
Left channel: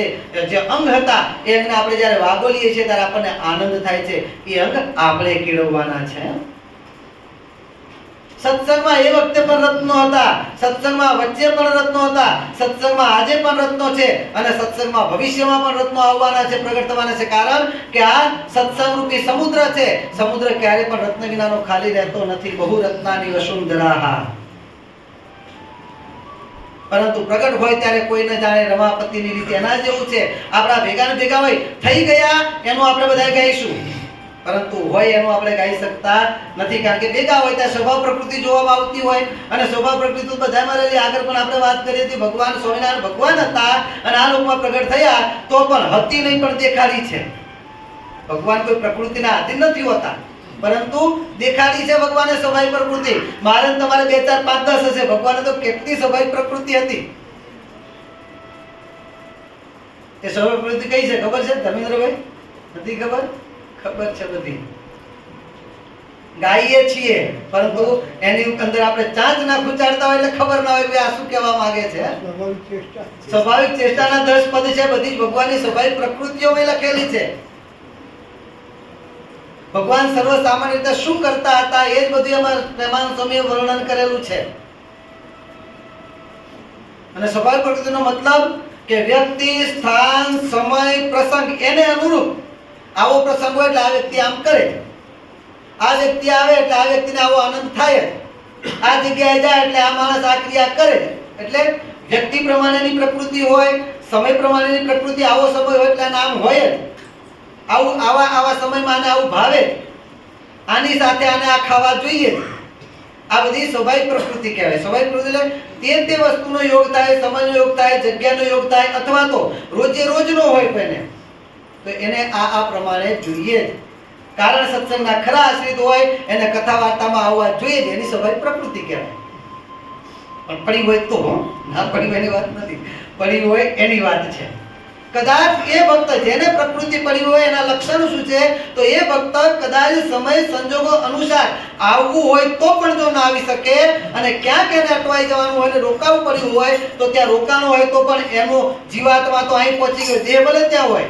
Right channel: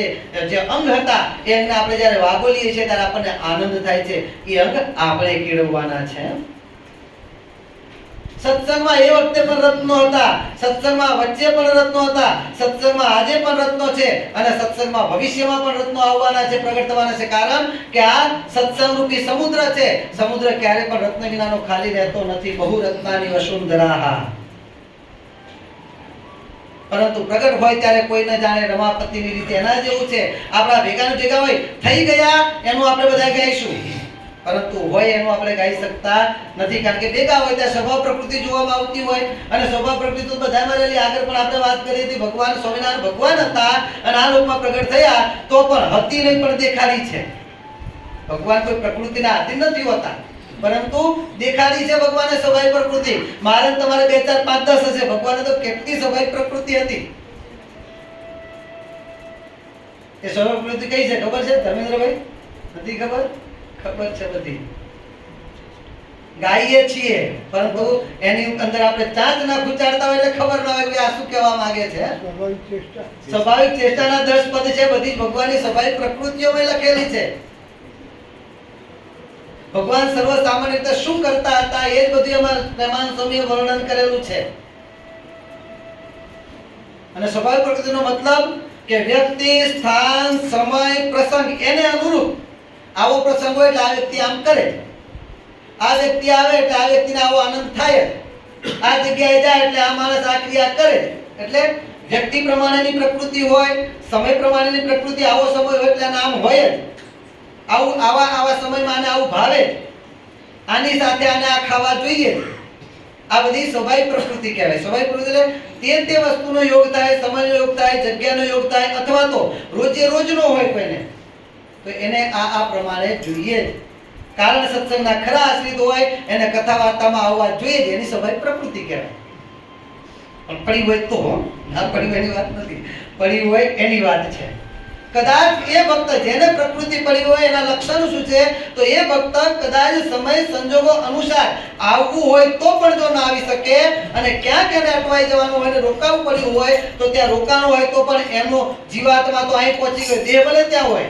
જે અંગ હતા એમને આપણે જ્યારે વાગોલીએ છીએ ત્યારે આપણને આનંદ થાય છે. એ અંગ આપણે કેળવવાના છે. સત્સંગમાં એ વખતે પણ રત્નો હતા, સત્સંગમાં વચ્ચે પણ રત્નો હતા, સત્સંગમાં આજે પણ રત્નો છે અને સત્સંગમાં ભવિષ્યમાં પણ રત્નો આવવાના છે, પ્રગટ થવાના છે. કારણ કે આ સત્સંગ રૂપી સમુદ્ર છે. સમુદ્ર ક્યારે પણ રત્ન વિનાનો ખાલી રહેતો નથી. બહુ રત્નાની વસુંધરા. પરંતુ પ્રગટ હોય ત્યારે કોઈ ન જાણે રમાપતિની રીતે. એના જેવું છે. આપણા ભેગા ને ભેગા હોય થઈ ગયા એનું આપણે બધા ગાઈશું, પરંતુ હોય એનું આપણે ગાઈ શકતા નથી, કારણ કે ભેગા હોય ત્યાં સ્વભાવ પ્રકૃતિ જોવામાં આવતી હોય, અને સ્વભાવ પ્રકૃતિ તો બધામાં રહેલી. આગળ પણ આપણે વાત કરી હતી, ભગવાન સ્વામિનારાયણ ભગવાન હતા અને આ લોકમાં પ્રગટ થયા તો પણ હતી નહીં, પણ દેખાડી છે. ભગવાન કોઈ પ્રકૃતિના આધીન નથી હોતા, પરંતુ દેખાડી છે ભગવાને સ્વાભાવિક પ્રકૃતિ. મારે તમારે 2 4 5 10 હશે, ભગવાને તો કેટલી સ્વાભાવિક પ્રકૃતિ હતી. એ સ્વાભાવિક પ્રકૃતિ કઈ છે ખબર છે ધર્મેન્દ્રભાઈ? નથી ખબર? ખબર છે બધી. ગાઈએ છીએ પરંતુ એની અંદર આપણે ચાંચ ના ખૂંચાડતા હોય એટલે ખબર ના હોય કે આ શું કહેવા માંગે છે. સ્વાભાવિક ચેષ્ટાના 10 પદ છે, બધી જ ભગવાનની સ્વાભાવિક પ્રકૃતિઓમાં લખેલી છે. ભગવાન સર્વ સામાન્ય રીતે શું કરતા હતા એ જ બધું એમાં પ્રેમાનંદ સ્વામીએ વર્ણન કરેલું છે. અને સ્વાભાવિક પ્રકૃતિનો મતલબ કે વ્યક્તિ, સ્થાન, સમય, પ્રસંગ એને અનુરૂપ આવો પ્રસંગ હોય એટલે આ વ્યક્તિ આમ કરે, આ વ્યક્તિ આવે એટલે આ વ્યક્તિને આવો આનંદ થાય, આ જગ્યાએ જાય એટલે આ માણસ આ ક્રિયા કરે. એટલે વ્યક્તિ પ્રમાણેની પ્રકૃતિ હોય, સમય પ્રમાણેની પ્રકૃતિ, આવો સમય હોય એટલે નામ હોય જ. આવું આવા સમયમાં આને આવું ભાવે, આની સાથે આને આ ખાવા જોઈએ. આ બધી સ્વાભાવિક પ્રકૃતિ કહેવાય. સ્વાભાવિક પ્રકૃતિ એટલે તે વસ્તુનો યોગ થાય, સમયનો યોગ થાય, જગ્યાનો યોગ થાય, અથવા તો રોજે રોજનો હોય કોઈને તો એને આ પ્રમાણે જોઈએ જ. કારણ સત્સંગના ખરા આશ્રિત હોય એને કથા વાર્તામાં આવવા જોઈએ જ, એની સ્વાભાવિક પ્રકૃતિ કહેવાય. પણ પડી હોય તો, આ પડી હોય એની વાત નથી, પડી હોય એની વાત છે. કદાચ એ ભક્ત જેને પ્રકૃતિ પડી હોય એના લક્ષણ શું છે, તો એ ભક્ત કદાચ સમય સંજોગો અનુસાર આવવું હોય તો પણ જો ના આવી શકે, અને ક્યાંક એને અટવાઈ જવાનું હોય ને રોકાવું પડ્યું હોય તો ત્યાં રોકાણું હોય તો પણ એનું જીવાત્મા તો અહીં પહોંચી ગયો, દેહ ભલે ત્યાં હોય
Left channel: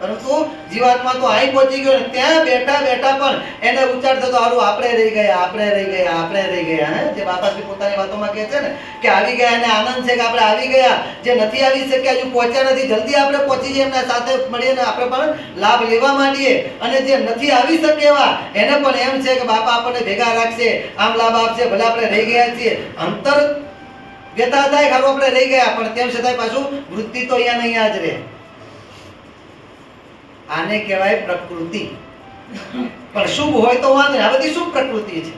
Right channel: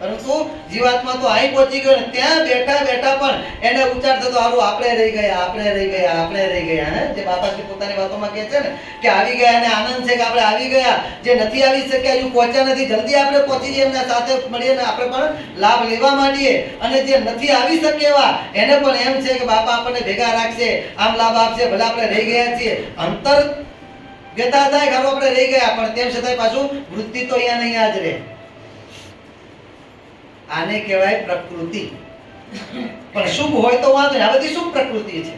પરંતુ જીવાત્મા તો અહીં પહોંચી ગયો, ને ત્યાં બેઠા બેઠા પણ એને ઉચ્ચાર થતો હારું આપણે રહી ગયા, આપણે રહી ગયા, આપણે રહી ગયા. હે જે બાપાશ્રી પોતાની વાતોમાં કહે છે ને કે આવી ગયા અને આનંદ છે કે આપણે આવી ગયા, જે નથી આવી શક્યા, હજુ પહોંચ્યા નથી, જલ્દી આપણે પહોંચી જઈએ, એમના સાથે મળીને આપણે પણ લાભ લેવા માંડીએ. અને જે નથી આવી શકે એવા એને પણ એમ છે કે બાપા આપણને ભેગા રાખશે, આમ લાભ આપશે, ભલે આપણે રહી ગયા છીએ. અંતર વ્યથા થાય ખરું આપણે રહી ગયા, પણ તેમ છતાંય પાછું વૃત્તિ તો અહીંયા નહીં જ રહે. આને કહેવાય પ્રકૃતિ. પણ શુભ હોય તો વાંધો નહીં, આ બધી શુભ પ્રકૃતિ છે.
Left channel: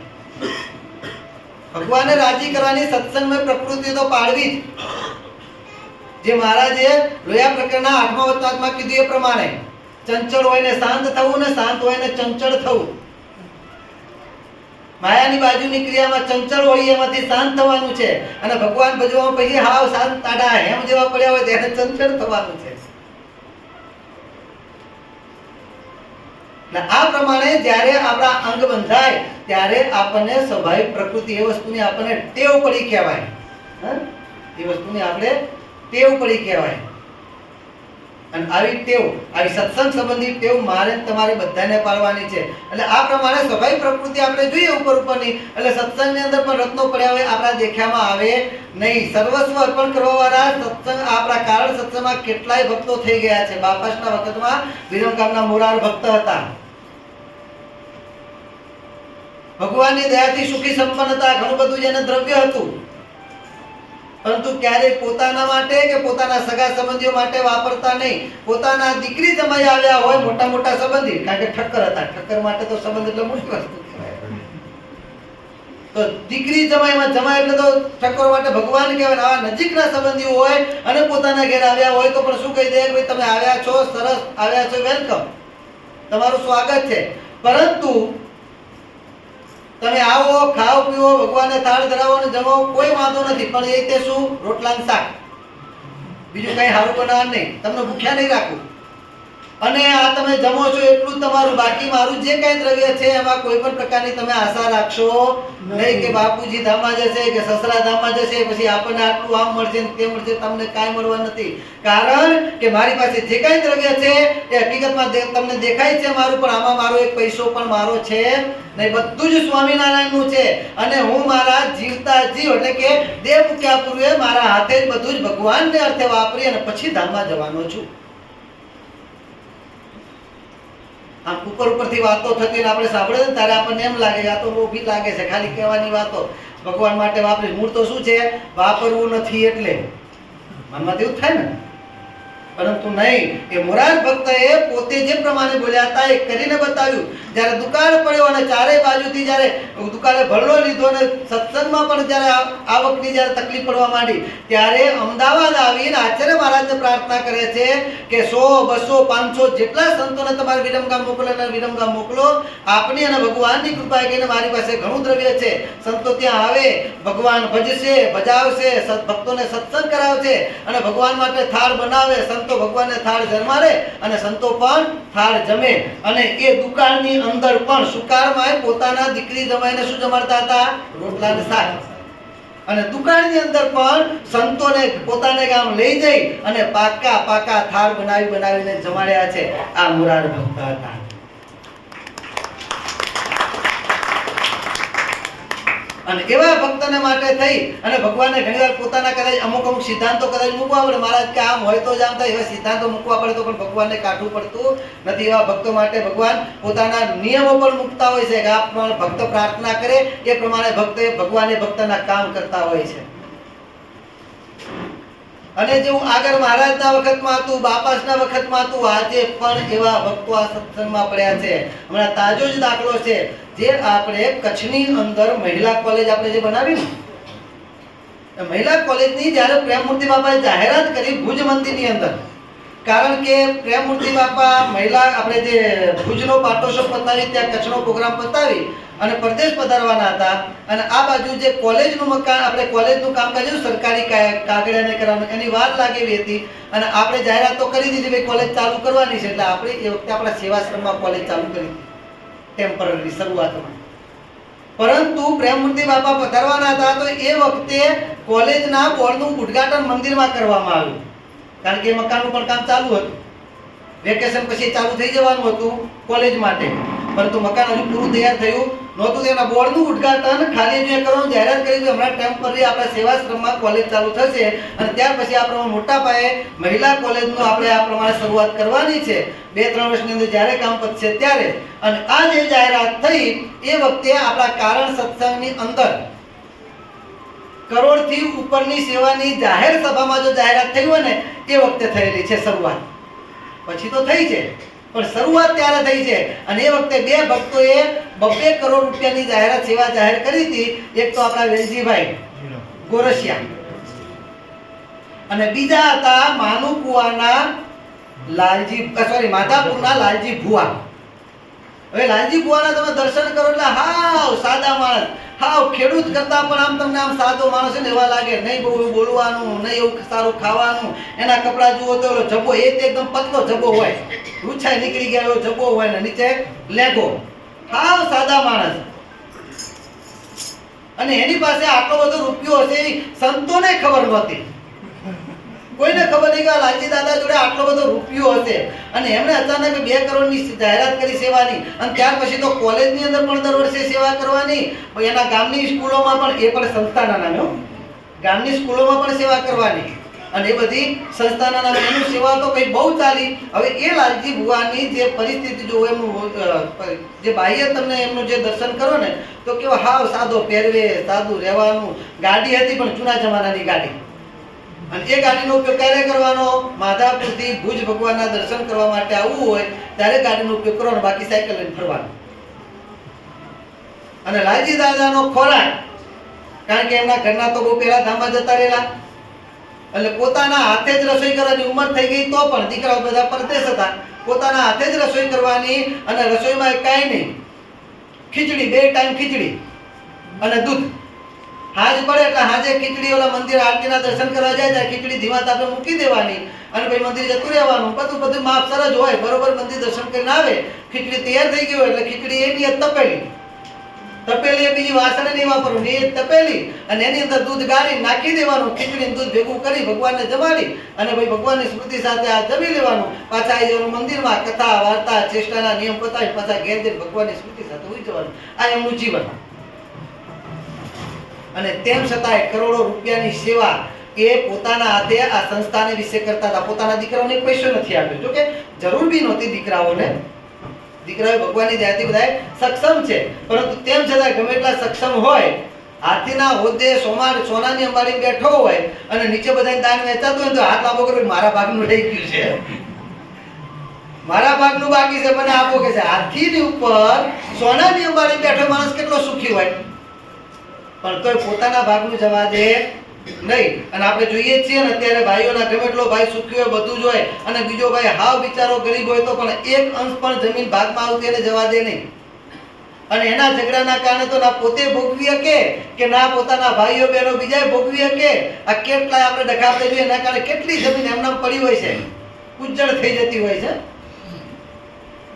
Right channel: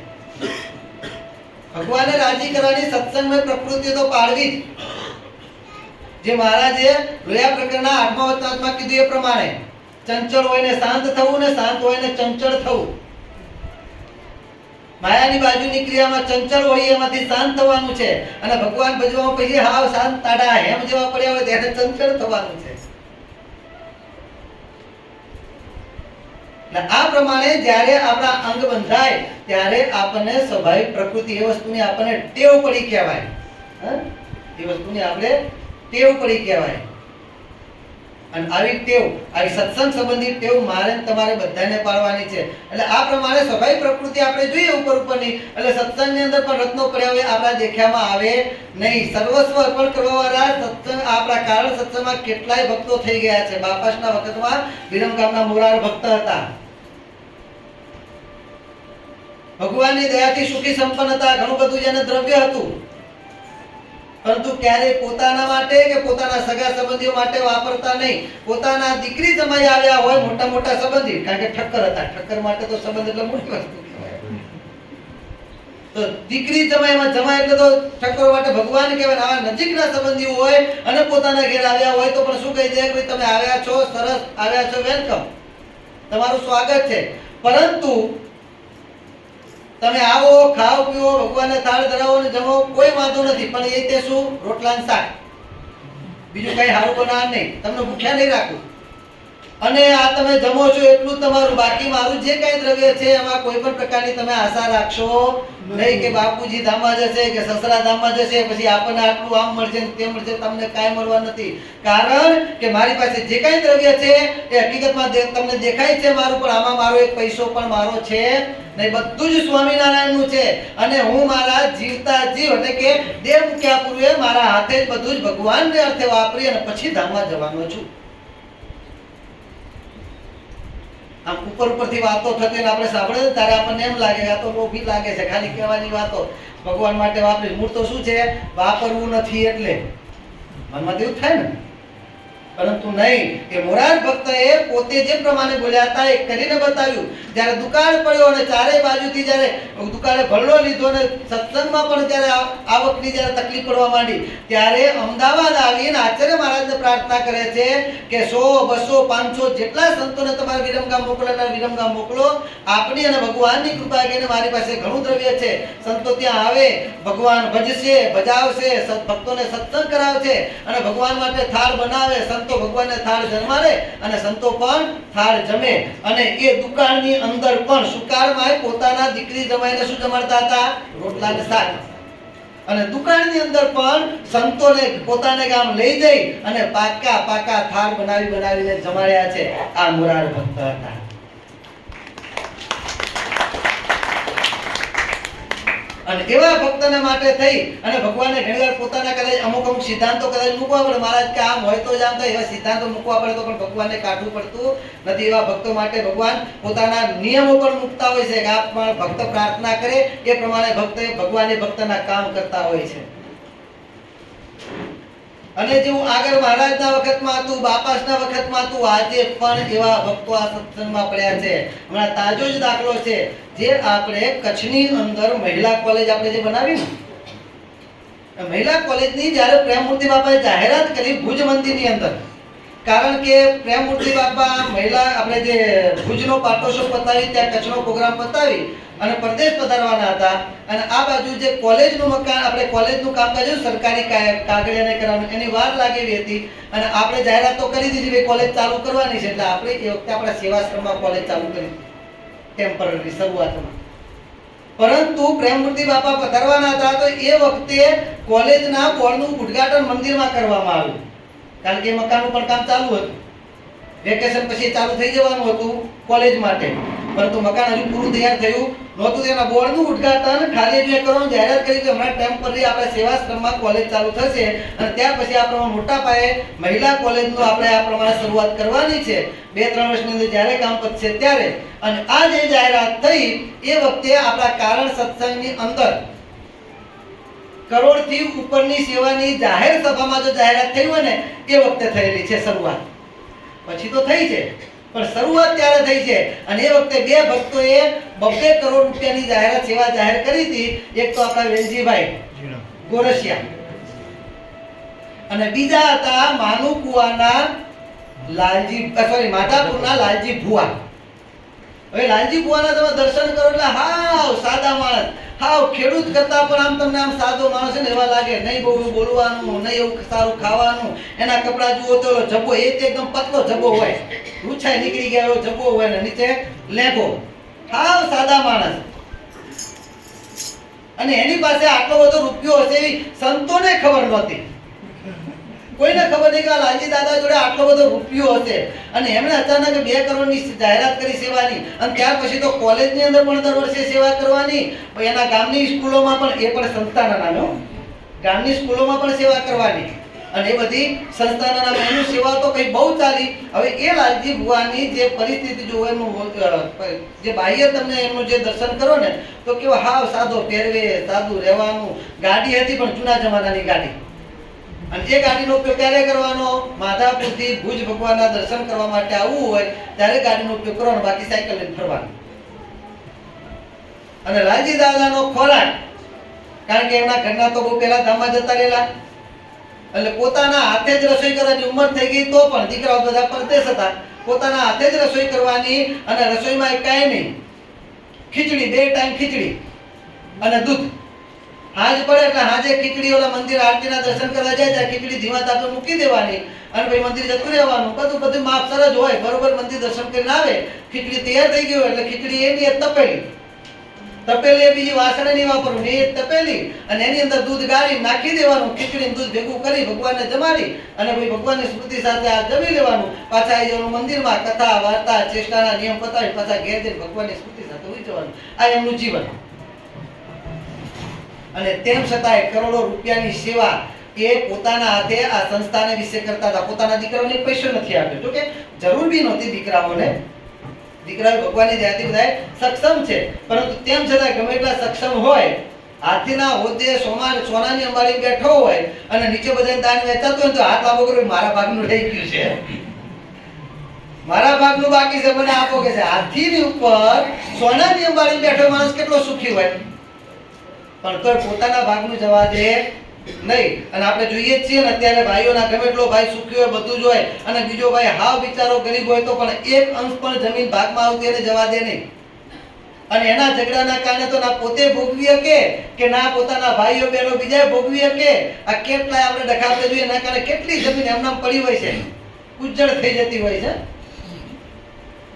ભગવાનને રાજી કરવાની સત્સંગમય પ્રકૃતિ તો પાડવી જ. જે મહારાજે લોયા પ્રકરણના 8મા વચનામાં કીધું એ પ્રમાણે ચંચળ હોય ને શાંત થવું, ને શાંત હોય ને ચંચળ થવું. માયાની બાજુની ક્રિયામાં ચંચળ હોય એમાંથી શાંત થવાનું છે, અને ભગવાન ભજવામાં પછી હાવ શાંત તાડા હેમ જેવા પડ્યા હોય તેને ચંચળ થવાનું છે. આ પ્રમાણે જ્યારે આપણા અંગ બંધાય ત્યારે આપણને સ્વાભાવિક પ્રકૃતિ એ વસ્તુની આપણને ટેવ પડી કહેવાય. એ વસ્તુની આપણે ટેવ પડી કહેવાય. અને આવી ટેવ, આવી સત્સંગ સંબંધી ટેવ મારે તમારે બધાને પાડવાની છે. એટલે આ પ્રમાણે સ્વાભાવિક પ્રકૃતિ આપણે જોઈએ ઉપરની, એટલે સત્સંગની અંદર પણ રત્નો પડ્યા હોય આપણા દેખ્યામાં આવે નહીં. સર્વસ્વ અર્પણ કરવાવાળા સત્સંગ આપણા કારણ સત્સંગમાં કેટલાય ભક્તો થઈ ગયા છે. બાપાસના વખતમાં વિરમગામના મોરાર ભક્ત હતા, ભગવાનની દયાથી સુખી સંપન્ન હતા, ઘણું બધું જેને દ્રવ્ય હતું, પરંતુ ક્યારેય પોતાના માટે કે પોતાના સગા સંબંધીઓ માટે વાપરતા નહીં. પોતાના દીકરી જમાઈ આવ્યા હોય મોટા મોટા સંબંધી, કારણ કે ઠક્કર હતા, ઠક્કર માટે તો સંબંધ એટલે મોટી વસ્તુ કહેવાય. તો દીકરી જમાઈમાં જમાઈ એટલે તો ઠક્કર માટે ભગવાન કહેવાય. આવા નજીકના સંબંધીઓ હોય અને પોતાના ઘેર આવ્યા હોય તો પણ શું કહી દે કે તમે આવ્યા છો, સરસ આવ્યા છો, વેલકમ, તમારું સ્વાગત છે. પરંતુ તમે આવો, ખાઓ, પીવો, ભગવાનને થાળ ધરાવો ને જમો, કોઈ વાંધો નથી, પણ એ તે શું રોટલા ને શાક, બીજું કઈ સારું બનાવવા નહીં, તમને ભૂખ્યા નહીં રાખું. અને આ તમે જમો છો એટલું જ તમારું, બાકી મારું જે કઈ દ્રવ્ય છે એમાં કોઈ પણ પ્રકારની તમે આશા રાખશો નહીં કે બાપુજી ધામમાં જશે કે સસરા ધામમાં જશે, પછી આપણને આટલું આમ મળશે ને તે મળશે. તમને કાંઈ મળવા નથી, કારણ કે મારી પાસે જે કાંઈ દ્રવ્ય છે એ હકીકતમાં તમને દેખાય છે મારું, પણ આમાં મારો એક પૈસો પણ મારો છે નહીં, બધું જ સ્વામિનારાયણનું છે. અને હું મારા જીવતા જીવ એટલે કે દેહ મૂક્યા પૂર્વે મારા હાથે જ બધું જ ભગવાનને અર્થે વાપરી અને પછી ધામમાં જવાનો છું. આમ ઉપરથી વાતો થતી આપણે સાંભળે ને ત્યારે આપણને એમ લાગે કે આ તો લોભી લાગે છે, ખાલી કહેવાની વાતો ભગવાન માટે વાપરી. મૂળ તો શું છે? વાપરવું નથી એટલે મનમાં એવું થાય ને. પરંતુ નહીં, એ મોરાર ભક્તએ પોતે જે પ્રમાણે બોલ્યા હતા એ કરીને બતાવ્યું. જ્યારે દુકાળ પડ્યો અને ચારેય બાજુથી જ્યારે દુકાળે ભરલો લીધો અને સત્સંગમાં પણ જ્યારે આવકની જ્યારે તકલીફ પડવા માંડી ત્યારે અમદાવાદ આવીને આચાર્ય મહારાજને પ્રાર્થના કરે છે કે 100, 200, 500 જેટલા સંતોને તમારે વિરમગામ મોકલેલા વિરમગામ મોકલો. આપની અને ભગવાનની કૃપા કહીને મારી પાસે ઘણું દ્રવ્ય છે. સંતો ત્યાં આવે, ભગવાન ભજશે, ભજાવશે, ભક્તોને સત્સંગ કરાવશે અને ભગવાન માટે થાળ બનાવે. સંતો ભગવાનને થાળ જમાડે અને સંતો પણ થાળ જમે. અને એ દુકાળની અંદર પણ સુકાળમાં પોતાના દીકરી જમાઈને શું જમાડતા હતા? રોટલા ને શાક. અને દુકાળની અંદર પણ સંતોને પોતાને ગામ લઈ જઈ અને પાકા થાળ બનાવીને જમાડ્યા છે. આ મોરાર ભક્ત હતા. અને એવા ભક્તને માટે થઈ અને ભગવાનને ઘણીવાર પોતાના કદાચ અમુક સિદ્ધાંતો કદાચ મૂકવા પડે. મહારાજ કે આમ હોય તો જ આમ થાય, એવા સિદ્ધાંતો મૂકવા પડે તો પણ ભગવાનને કાઢવું પડતું નથી. એવા ભક્તો માટે ભગવાન પોતાના નિયમો પણ મૂકતા હોય છે કે આ પ્રમાણે ભક્ત પ્રાર્થના કરે એ પ્રમાણે ભગવાન એ ભક્તના કામ કરતા હોય છે. અને જેવું આગળ મહારાજના વખતમાં હતું, બાપાસના વખતમાં હતું, આજે પણ એવા ભક્તો આ સત્સંગમાં પડ્યા છે. હમણાં તાજો જ દાખલો છે જે આપણે કચ્છની અંદર મહિલા કોલેજ આપણે જે બનાવી ને, મહિલા કોલેજની જ્યારે પ્રેમમૂર્તિ બાપાએ જાહેરાત કરી ભુજ મંદિરની અંદર, કારણ કે પ્રેમમૂર્તિ બાપા મહિલા આપણે જે ભુજનો પાટોત્સવ પતાવી ત્યાં કચ્છનો પ્રોગ્રામ પતાવી અને પરદેશ પધારવાના હતા. અને આ બાજુ જે કોલેજનું મકાન આપણે કોલેજનું કામકાજ સરકારી કાગળિયાને કરવાનું એની વાર લાગેલી હતી. અને આપણે જાહેરાત તો કરી દીધી ભાઈ કોલેજ ચાલુ કરવાની છે, એટલે આપણે એ વખતે આપણા સેવાશ્રમમાં કોલેજ ચાલુ કરી ટેમ્પરરી શરૂઆતમાં. પરંતુ પ્રેમમૂર્તિ બાપા પધારવાના હતા તો એ વખતે કોલેજના બોર્ડનું ઉદ્ઘાટન મંદિરમાં કરવામાં આવ્યું, કારણ કે મકાનનું પણ કામ ચાલુ હતું. વેકેશન પછી ચાલુ થઈ જવાનું હતું કોલેજ માટે, પરંતુ મકાન હજુ પૂરું તૈયાર થયું નહોતું. તેના બોર્ડનું ઉદ્ઘાટન ખાલી જે કરવાનું જાહેરાત કરી કે હમણાં ટેમ્પરરી આપણા સેવાશ્રમમાં કોલેજ ચાલુ થશે અને ત્યાર પછી આ પ્રમાણે મોટા પાયે મહિલા કોલેજનું આપણે આ પ્રમાણે શરૂઆત કરવાની છે 2-3 વર્ષની અંદર જ્યારે કામ પતશે ત્યારે. અને આ જે જાહેરાત થઈ એ વખતે આપણા કારણ સત્સંગની અંદર કરોડથી ઉપરની સેવાની જાહેર સભામાં જો જાહેરાત થઈ હોય ને એ વખતે થયેલી છે શરૂઆત. પછી તો થઈ છે પણ શરૂઆત ત્યારે થઈ છે. અને એ વખતે બે ભક્તોએ 2 કરોડ રૂપિયાની જાહેરાત સેવા જાહેર કરી હતી. એક તો આપણા વેલજીભાઈ ગોરસિયા અને બીજા હતા માનુકુવાના માધાપુરના લાલજી ભુવા. હવે લાલજી ભુવાના તમે દર્શન કરો એટલે હાવ સાદા માણસ, હાવ ખેડૂત કરતા પણ આમ તમને આમ સાદો માણસ ને એવા લાગે. નહીં બહુ બોલવાનું, નહીં એવું સારું ખાવાનું. એના કપડા જુઓ તો જબ્બો એકદમ પતલો જબ્બો હોય, રૂછાઈ નીકળી ગયા એવો જબ્બો હોય ને નીચે લેઘો, હાવ સાદા માણસ. અને એની પાસે આટલો બધો રૂપિયો હશે એ સંતોને ખબર નહોતી, કોઈને ખબર નહીં કે લાલજી દાદા જોડે આટલો બધો રૂપિયો હશે. અને એમણે અચાનક 2 કરોડની જાહેરાત કરી સેવાની. અને ત્યાર પછી તો કોલેજની અંદર પણ દર વર્ષે સેવા કરવાની, એના ગામની સ્કૂલોમાં પણ, એ પણ સંસ્થાના નામે, ગામની સ્કૂલોમાં પણ સેવા કરવાની. અને એ બધી સંસ્થાના નામે એની સેવા તો કંઈ બહુ ચાલી. હવે એ લાલજી ભુવાની જે પરિસ્થિતિ જો એમનું જે બાહ્ય તમને એમનું જે દર્શન કરો ને તો કેવો હાવ સાદો પહેરવે, સાદું રહેવાનું. ગાડી હતી પણ જૂના જમાનાની ગાડી. અને એ ગાડીનો ઉપયોગ ક્યારે કરવાનો? માધાપુરથી ભુજ ભગવાનના દર્શન કરવા માટે આવવું હોય ત્યારે ગાડીનો ઉપયોગ કરવાનો, બાકી સાયકલ લઈને ફરવાનું. અને લાલજી દાદાનો ખોરાક, કારણ કે એમના ઘરના તો બહુ પહેલા ધામમાં જતા રહેલા એટલે પોતાના હાથે જ રસોઈ કરવાની ઉંમર થઈ ગઈ તો પણ દીકરાઓ બધા પરદેશ હતા, પોતાના હાથે જ રસોઈ કરવાની. અને રસોઈમાં કાંઈ નહીં, ખીચડી, 2 ટાઈમ ખીચડી અને દૂધ. હાજ પડે એટલે હાજે ખીચડી ઓલા મંદિર આરતીના દર્શન કરવા જાય ત્યારે ખીચડી ધીમા તાપે મૂકી દેવાની અને ભાઈ મંદિર જતું રહેવાનું. બધું માપસર જ હોય. બરોબર મંદિર દર્શન કરીને આવે, ખીચડી તૈયાર થઈ ગઈ હોય એટલે ખીચડી એની તપેલી એ બીજી વાસણે નહીં વાપરવું, એ તપેલી અને એની અંદર દૂધ ગાળી નાખી દેવાનું. ખીચડી દૂધ ભેગું કરી ભગવાનને જમાડી અને ભાઈ ભગવાનની સ્મૃતિ સાથે આ જમી લેવાનું. પાછા આવી જવાનું મંદિરમાં, કથા વાર્તા ચેષ્ટાના નિયમ પતાવી પાછા ઘેર જઈને ભગવાનની સ્મૃતિ સાથે ઉઈ જવાનું. આ એમનું જીવન. અને તેમ છતાંય કરોડો રૂપિયાની સેવા એ પોતાના હાથે આ સંસ્થાને વિશે કરતા હતા. પોતાના દીકરાઓને પૈસો નથી આપ્યો, જો કે જરૂર બી નહોતી દીકરાઓને, દીકરાઓ ભગવાનની દયાથી બધા સક્ષમ છે, પરંતુ તેમ છતાં ગમે એટલા સક્ષમ હોય, હાથીના હોદ્દે સોનાની અંબાડી બેઠો હોય અને નીચે બધાને દાન વેચાતું હોય તો હાથ લાંબો કરો, મારા ભાગનું રહી ગયું છે, મારા ભાગનું બાકી છે, મને આપો કે છે. હાથીની ઉપર સોનાની અંબાડી બેઠો માણસ કેટલો સુખી હોય, પણ તોય પોતાના ભાગનું જવા દે નહીં. અને આપણે જોઈએ જ છીએ ને અત્યારે ભાઈઓના ગમે એટલો ભાઈ સુખી હોય, બધું જ હોય, અને બીજો ભાઈ હાવ બિચારો ગરીબ હોય તો પણ એક અંશ પણ જમીન ભાગમાં આવતી એને જવા દે નહીં. અને એના ઝઘડાના કારણે તો ના પોતે ભોગવી શકે કે ના પોતાના ભાઈઓ બહેનો બીજા ભોગવી શકે. આ કેટલાય આપણે ડખાવતા જોઈએ, એના કારણે કેટલી જમીન એમનામ પડી હોય છે, ઉજ્જડ થઈ જતી હોય છે.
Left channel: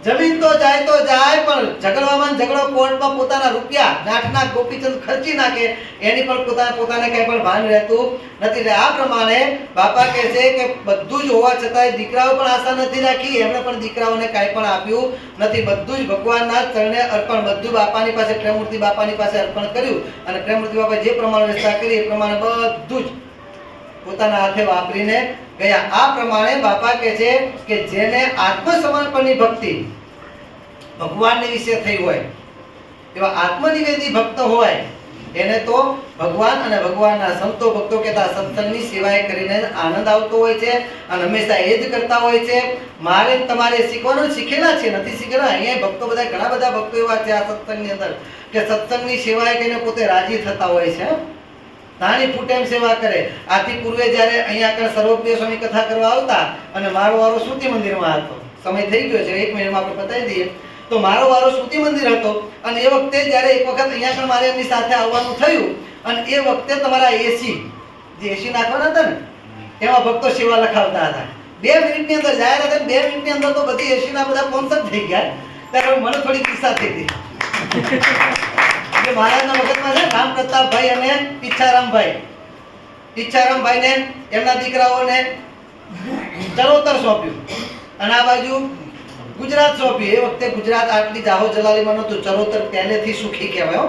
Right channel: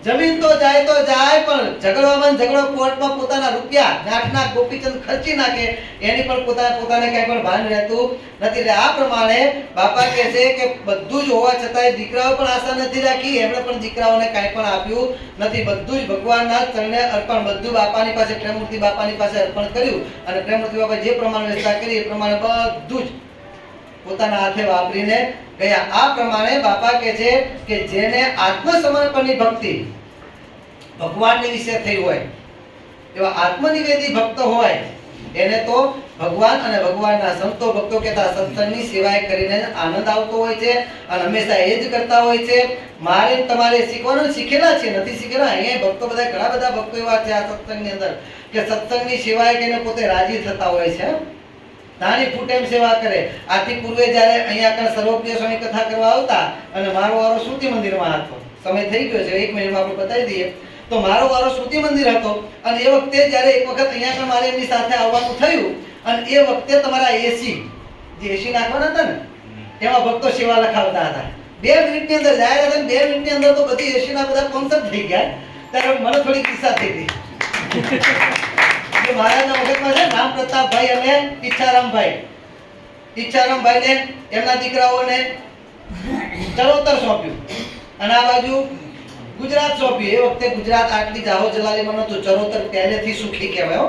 જમીન તો જાય પણ ઝઘડવામાં ઝઘડો કોર્ટમાં પોતાના રૂપિયા નાઠના ગોપીચંદ ખર્ચી નાખે, એની પણ પોતાને કઈ પણ ભાન રહેતું નથી. એટલે આ પ્રમાણે બાપા કહે છે કે બધું જ હોવા છતાંય દીકરાઓ પણ આશા નથી રાખી, એમણે પણ દીકરાઓને કાંઈ પણ આપ્યું નથી. બધું જ ભગવાનના ચરણે અર્પણ, બધું બાપાની પાસે, પ્રેમમૂર્તિ બાપાની પાસે અર્પણ કર્યું. અને પ્રેમમૂર્તિ બાપા જે પ્રમાણે વ્યવસ્થા કરી એ પ્રમાણે બધું જ પોતાના હાથે વાપરીને ગયા. આ પ્રમાણે બાપા કહે છે કે જેને આત્મસમર્પણની ભક્તિ ભગવાનની વિશે થઈ હોય, એવા આત્મનિવેદી ભક્ત હોય, એને તો ભગવાન અને ભગવાનના સંતો ભક્તો કહેતા સત્સંગની સેવાએ કરીને આનંદ આવતો હોય છે. અને હંમેશા એ જ કરતા હોય છે. મારે તમારે શીખવાનું, શીખેલા છે, નથી શીખેલા. અહીંયા ભક્તો બધા, ઘણા બધા ભક્તો એવા છે આ સત્સંગની અંદર કે સત્સંગની સેવાએ કરીને પોતે રાજી થતા હોય છે, નાની ફૂટેમ સેવા કરે. આથી પૂર્વે જ્યારે અહીંયા આગળ સર્વપ્રિય સ્વામી કથા કરવા આવતા અને મારો વારો શ્રુતિ મંદિરમાં હતો, સમય થઈ ગયો છે, 1 મિનિટમાં આપણે બતાવી દઈએ. તો મારો વારો શ્રુતિ મંદિર હતો અને એ વખતે જ્યારે એક વખત અહીંયા આગળ મારે એમની સાથે આવવાનું થયું અને એ વખતે તમારા એસી જે એસી નાખવાના હતા ને એમાં ભક્તો સેવા લખાવતા હતા. 2 મિનિટની અંદર જાહેર હતા, 2 મિનિટની અંદર તો બધી એસીના બધા કોન્સર્ટ થઈ ગયા. ત્યારે મને થોડી કિસ્સા થઈ ગઈ. મહારાજના વખતમાં છે રામ પ્રતાપભાઈ અને ઈચ્છારામભાઈને એમના દીકરાઓને ચરોતર સોંપ્યું અને આ બાજુ ગુજરાત સોંપ્યું. એ વખતે ગુજરાત આટલી જાહો જલાલીમાં નહોતું, ચરોતર પહેલેથી સુખી કહેવાય.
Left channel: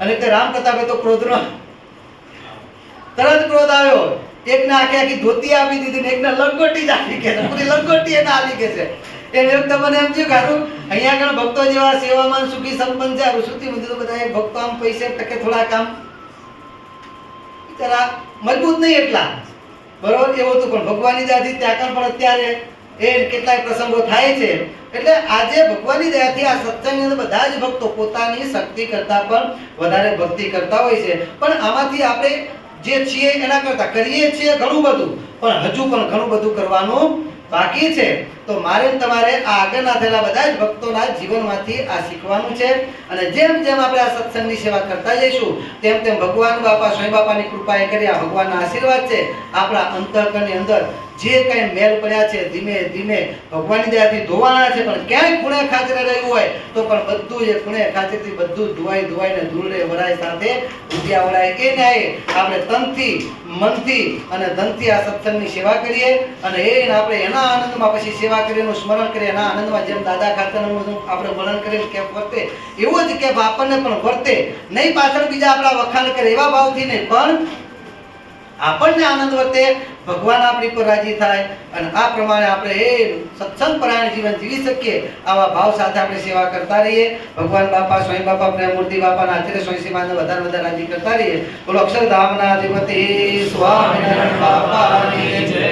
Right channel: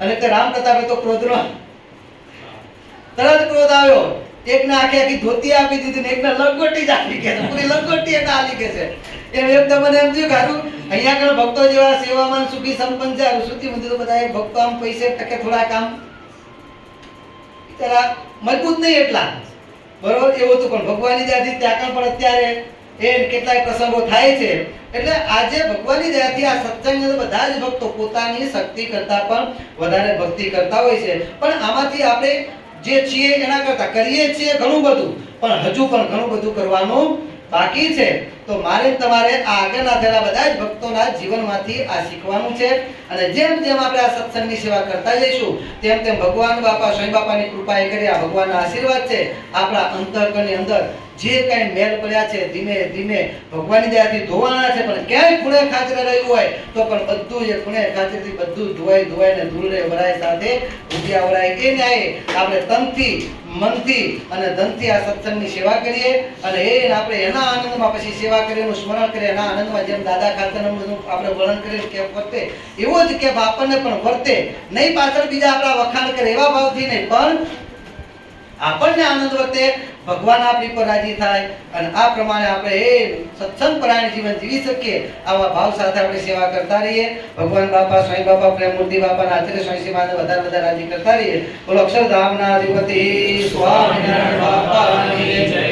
અને તે રામ પ્રતાપે તો ક્રોધનો તરત ક્રોધ આવ્યો, એકને આખી ધોતી આપી દીધી ને એકને લંગોટી જ આપી કે પૂરી લંગોટી એને આલી કે છે. એ વ્યક્તિ મને એમ થયું કે અહીંયા આગળ ભક્તો જેવા સેવામાં સુખી સંપન્ન છે. શ્રુતિ મંદિર તો બધા ભક્તો આમ પૈસે ટકે થોડાક આમ બિચારા મજબૂત નહીં એટલા, બરોબર, એવું હતું. પણ ભગવાનની દયાથી ત્યાં પણ અત્યારે એ કેટલાય પ્રસંગો થાય છે. એટલે આજે ભગવાનની દયાથી આ સત્સંગની અંદર બધા જ ભક્તો પોતાની શક્તિ કરતા પણ વધારે ભક્તિ કરતા હોય છે. પણ આમાંથી આપણે જે છીએ એના કરતા કરીએ છીએ ઘણું બધું, પણ હજુ પણ ઘણું બધું કરવાનું બાકી છે. તો મારે તમારે આ આગળના થયેલા બધા જ ભક્તોના જીવનમાંથી આ શીખવાનું છે. અને જેમ જેમ આપણે આ સત્સંગની સેવા કરતા જઈશું તેમ તેમ ભગવાન બાપા સ્વામી બાપાની કૃપાએ કરી આ ભગવાનના આશીર્વાદ છે આપણા અંતઃકરણની અંદર જે કઈ મેલ પડ્યા છે ધીમે ધીમે ભગવાનની દયાથી ધોવાના છે. પણ ક્યાંય ખૂણે ખાચરે રહ્યું હોય તો પણ બધું એ ખૂણે ખાચરેથી બધું ધોવાઈને ધૂળને વરાય સાથે ઉગ્યા વરાય. એ ન્યાય આપણે તનથી, મનથી અને ધનથી આ સત્સંગની સેવા કરીએ અને આપણે એના આનંદમાં પછી સેવા કરીને સ્મરણ કરીએ. એના આનંદમાં જેમ દાદા ખાતરનું આપણે વર્ણન કરીએ કે વર્તે એવો જ કે આપણને પણ વર્તે નહીં. પાછળ બીજા આપણા વખાણ કરે એવા ભાવથી નહીં, પણ આપણને આનંદ વર્તે, ભગવાન આપણી પર રાજી થાય અને આ પ્રમાણે આપણે એ સત્સંગ પરાયણ જીવન જીવી શકીએ. આવા ભાવ સાથે આપણે સેવા કરતા રહીએ. ભગવાન બાપા સ્વયં બાપા પ્રેમમૂર્તિ બાપાના આચાર્ય સ્વામી શ્રીમાનને વધારે રાજી કરતા રહીએ. બોલો અક્ષરધામના અધિપતિ સ્વામિનારાયણ બાપાની જય.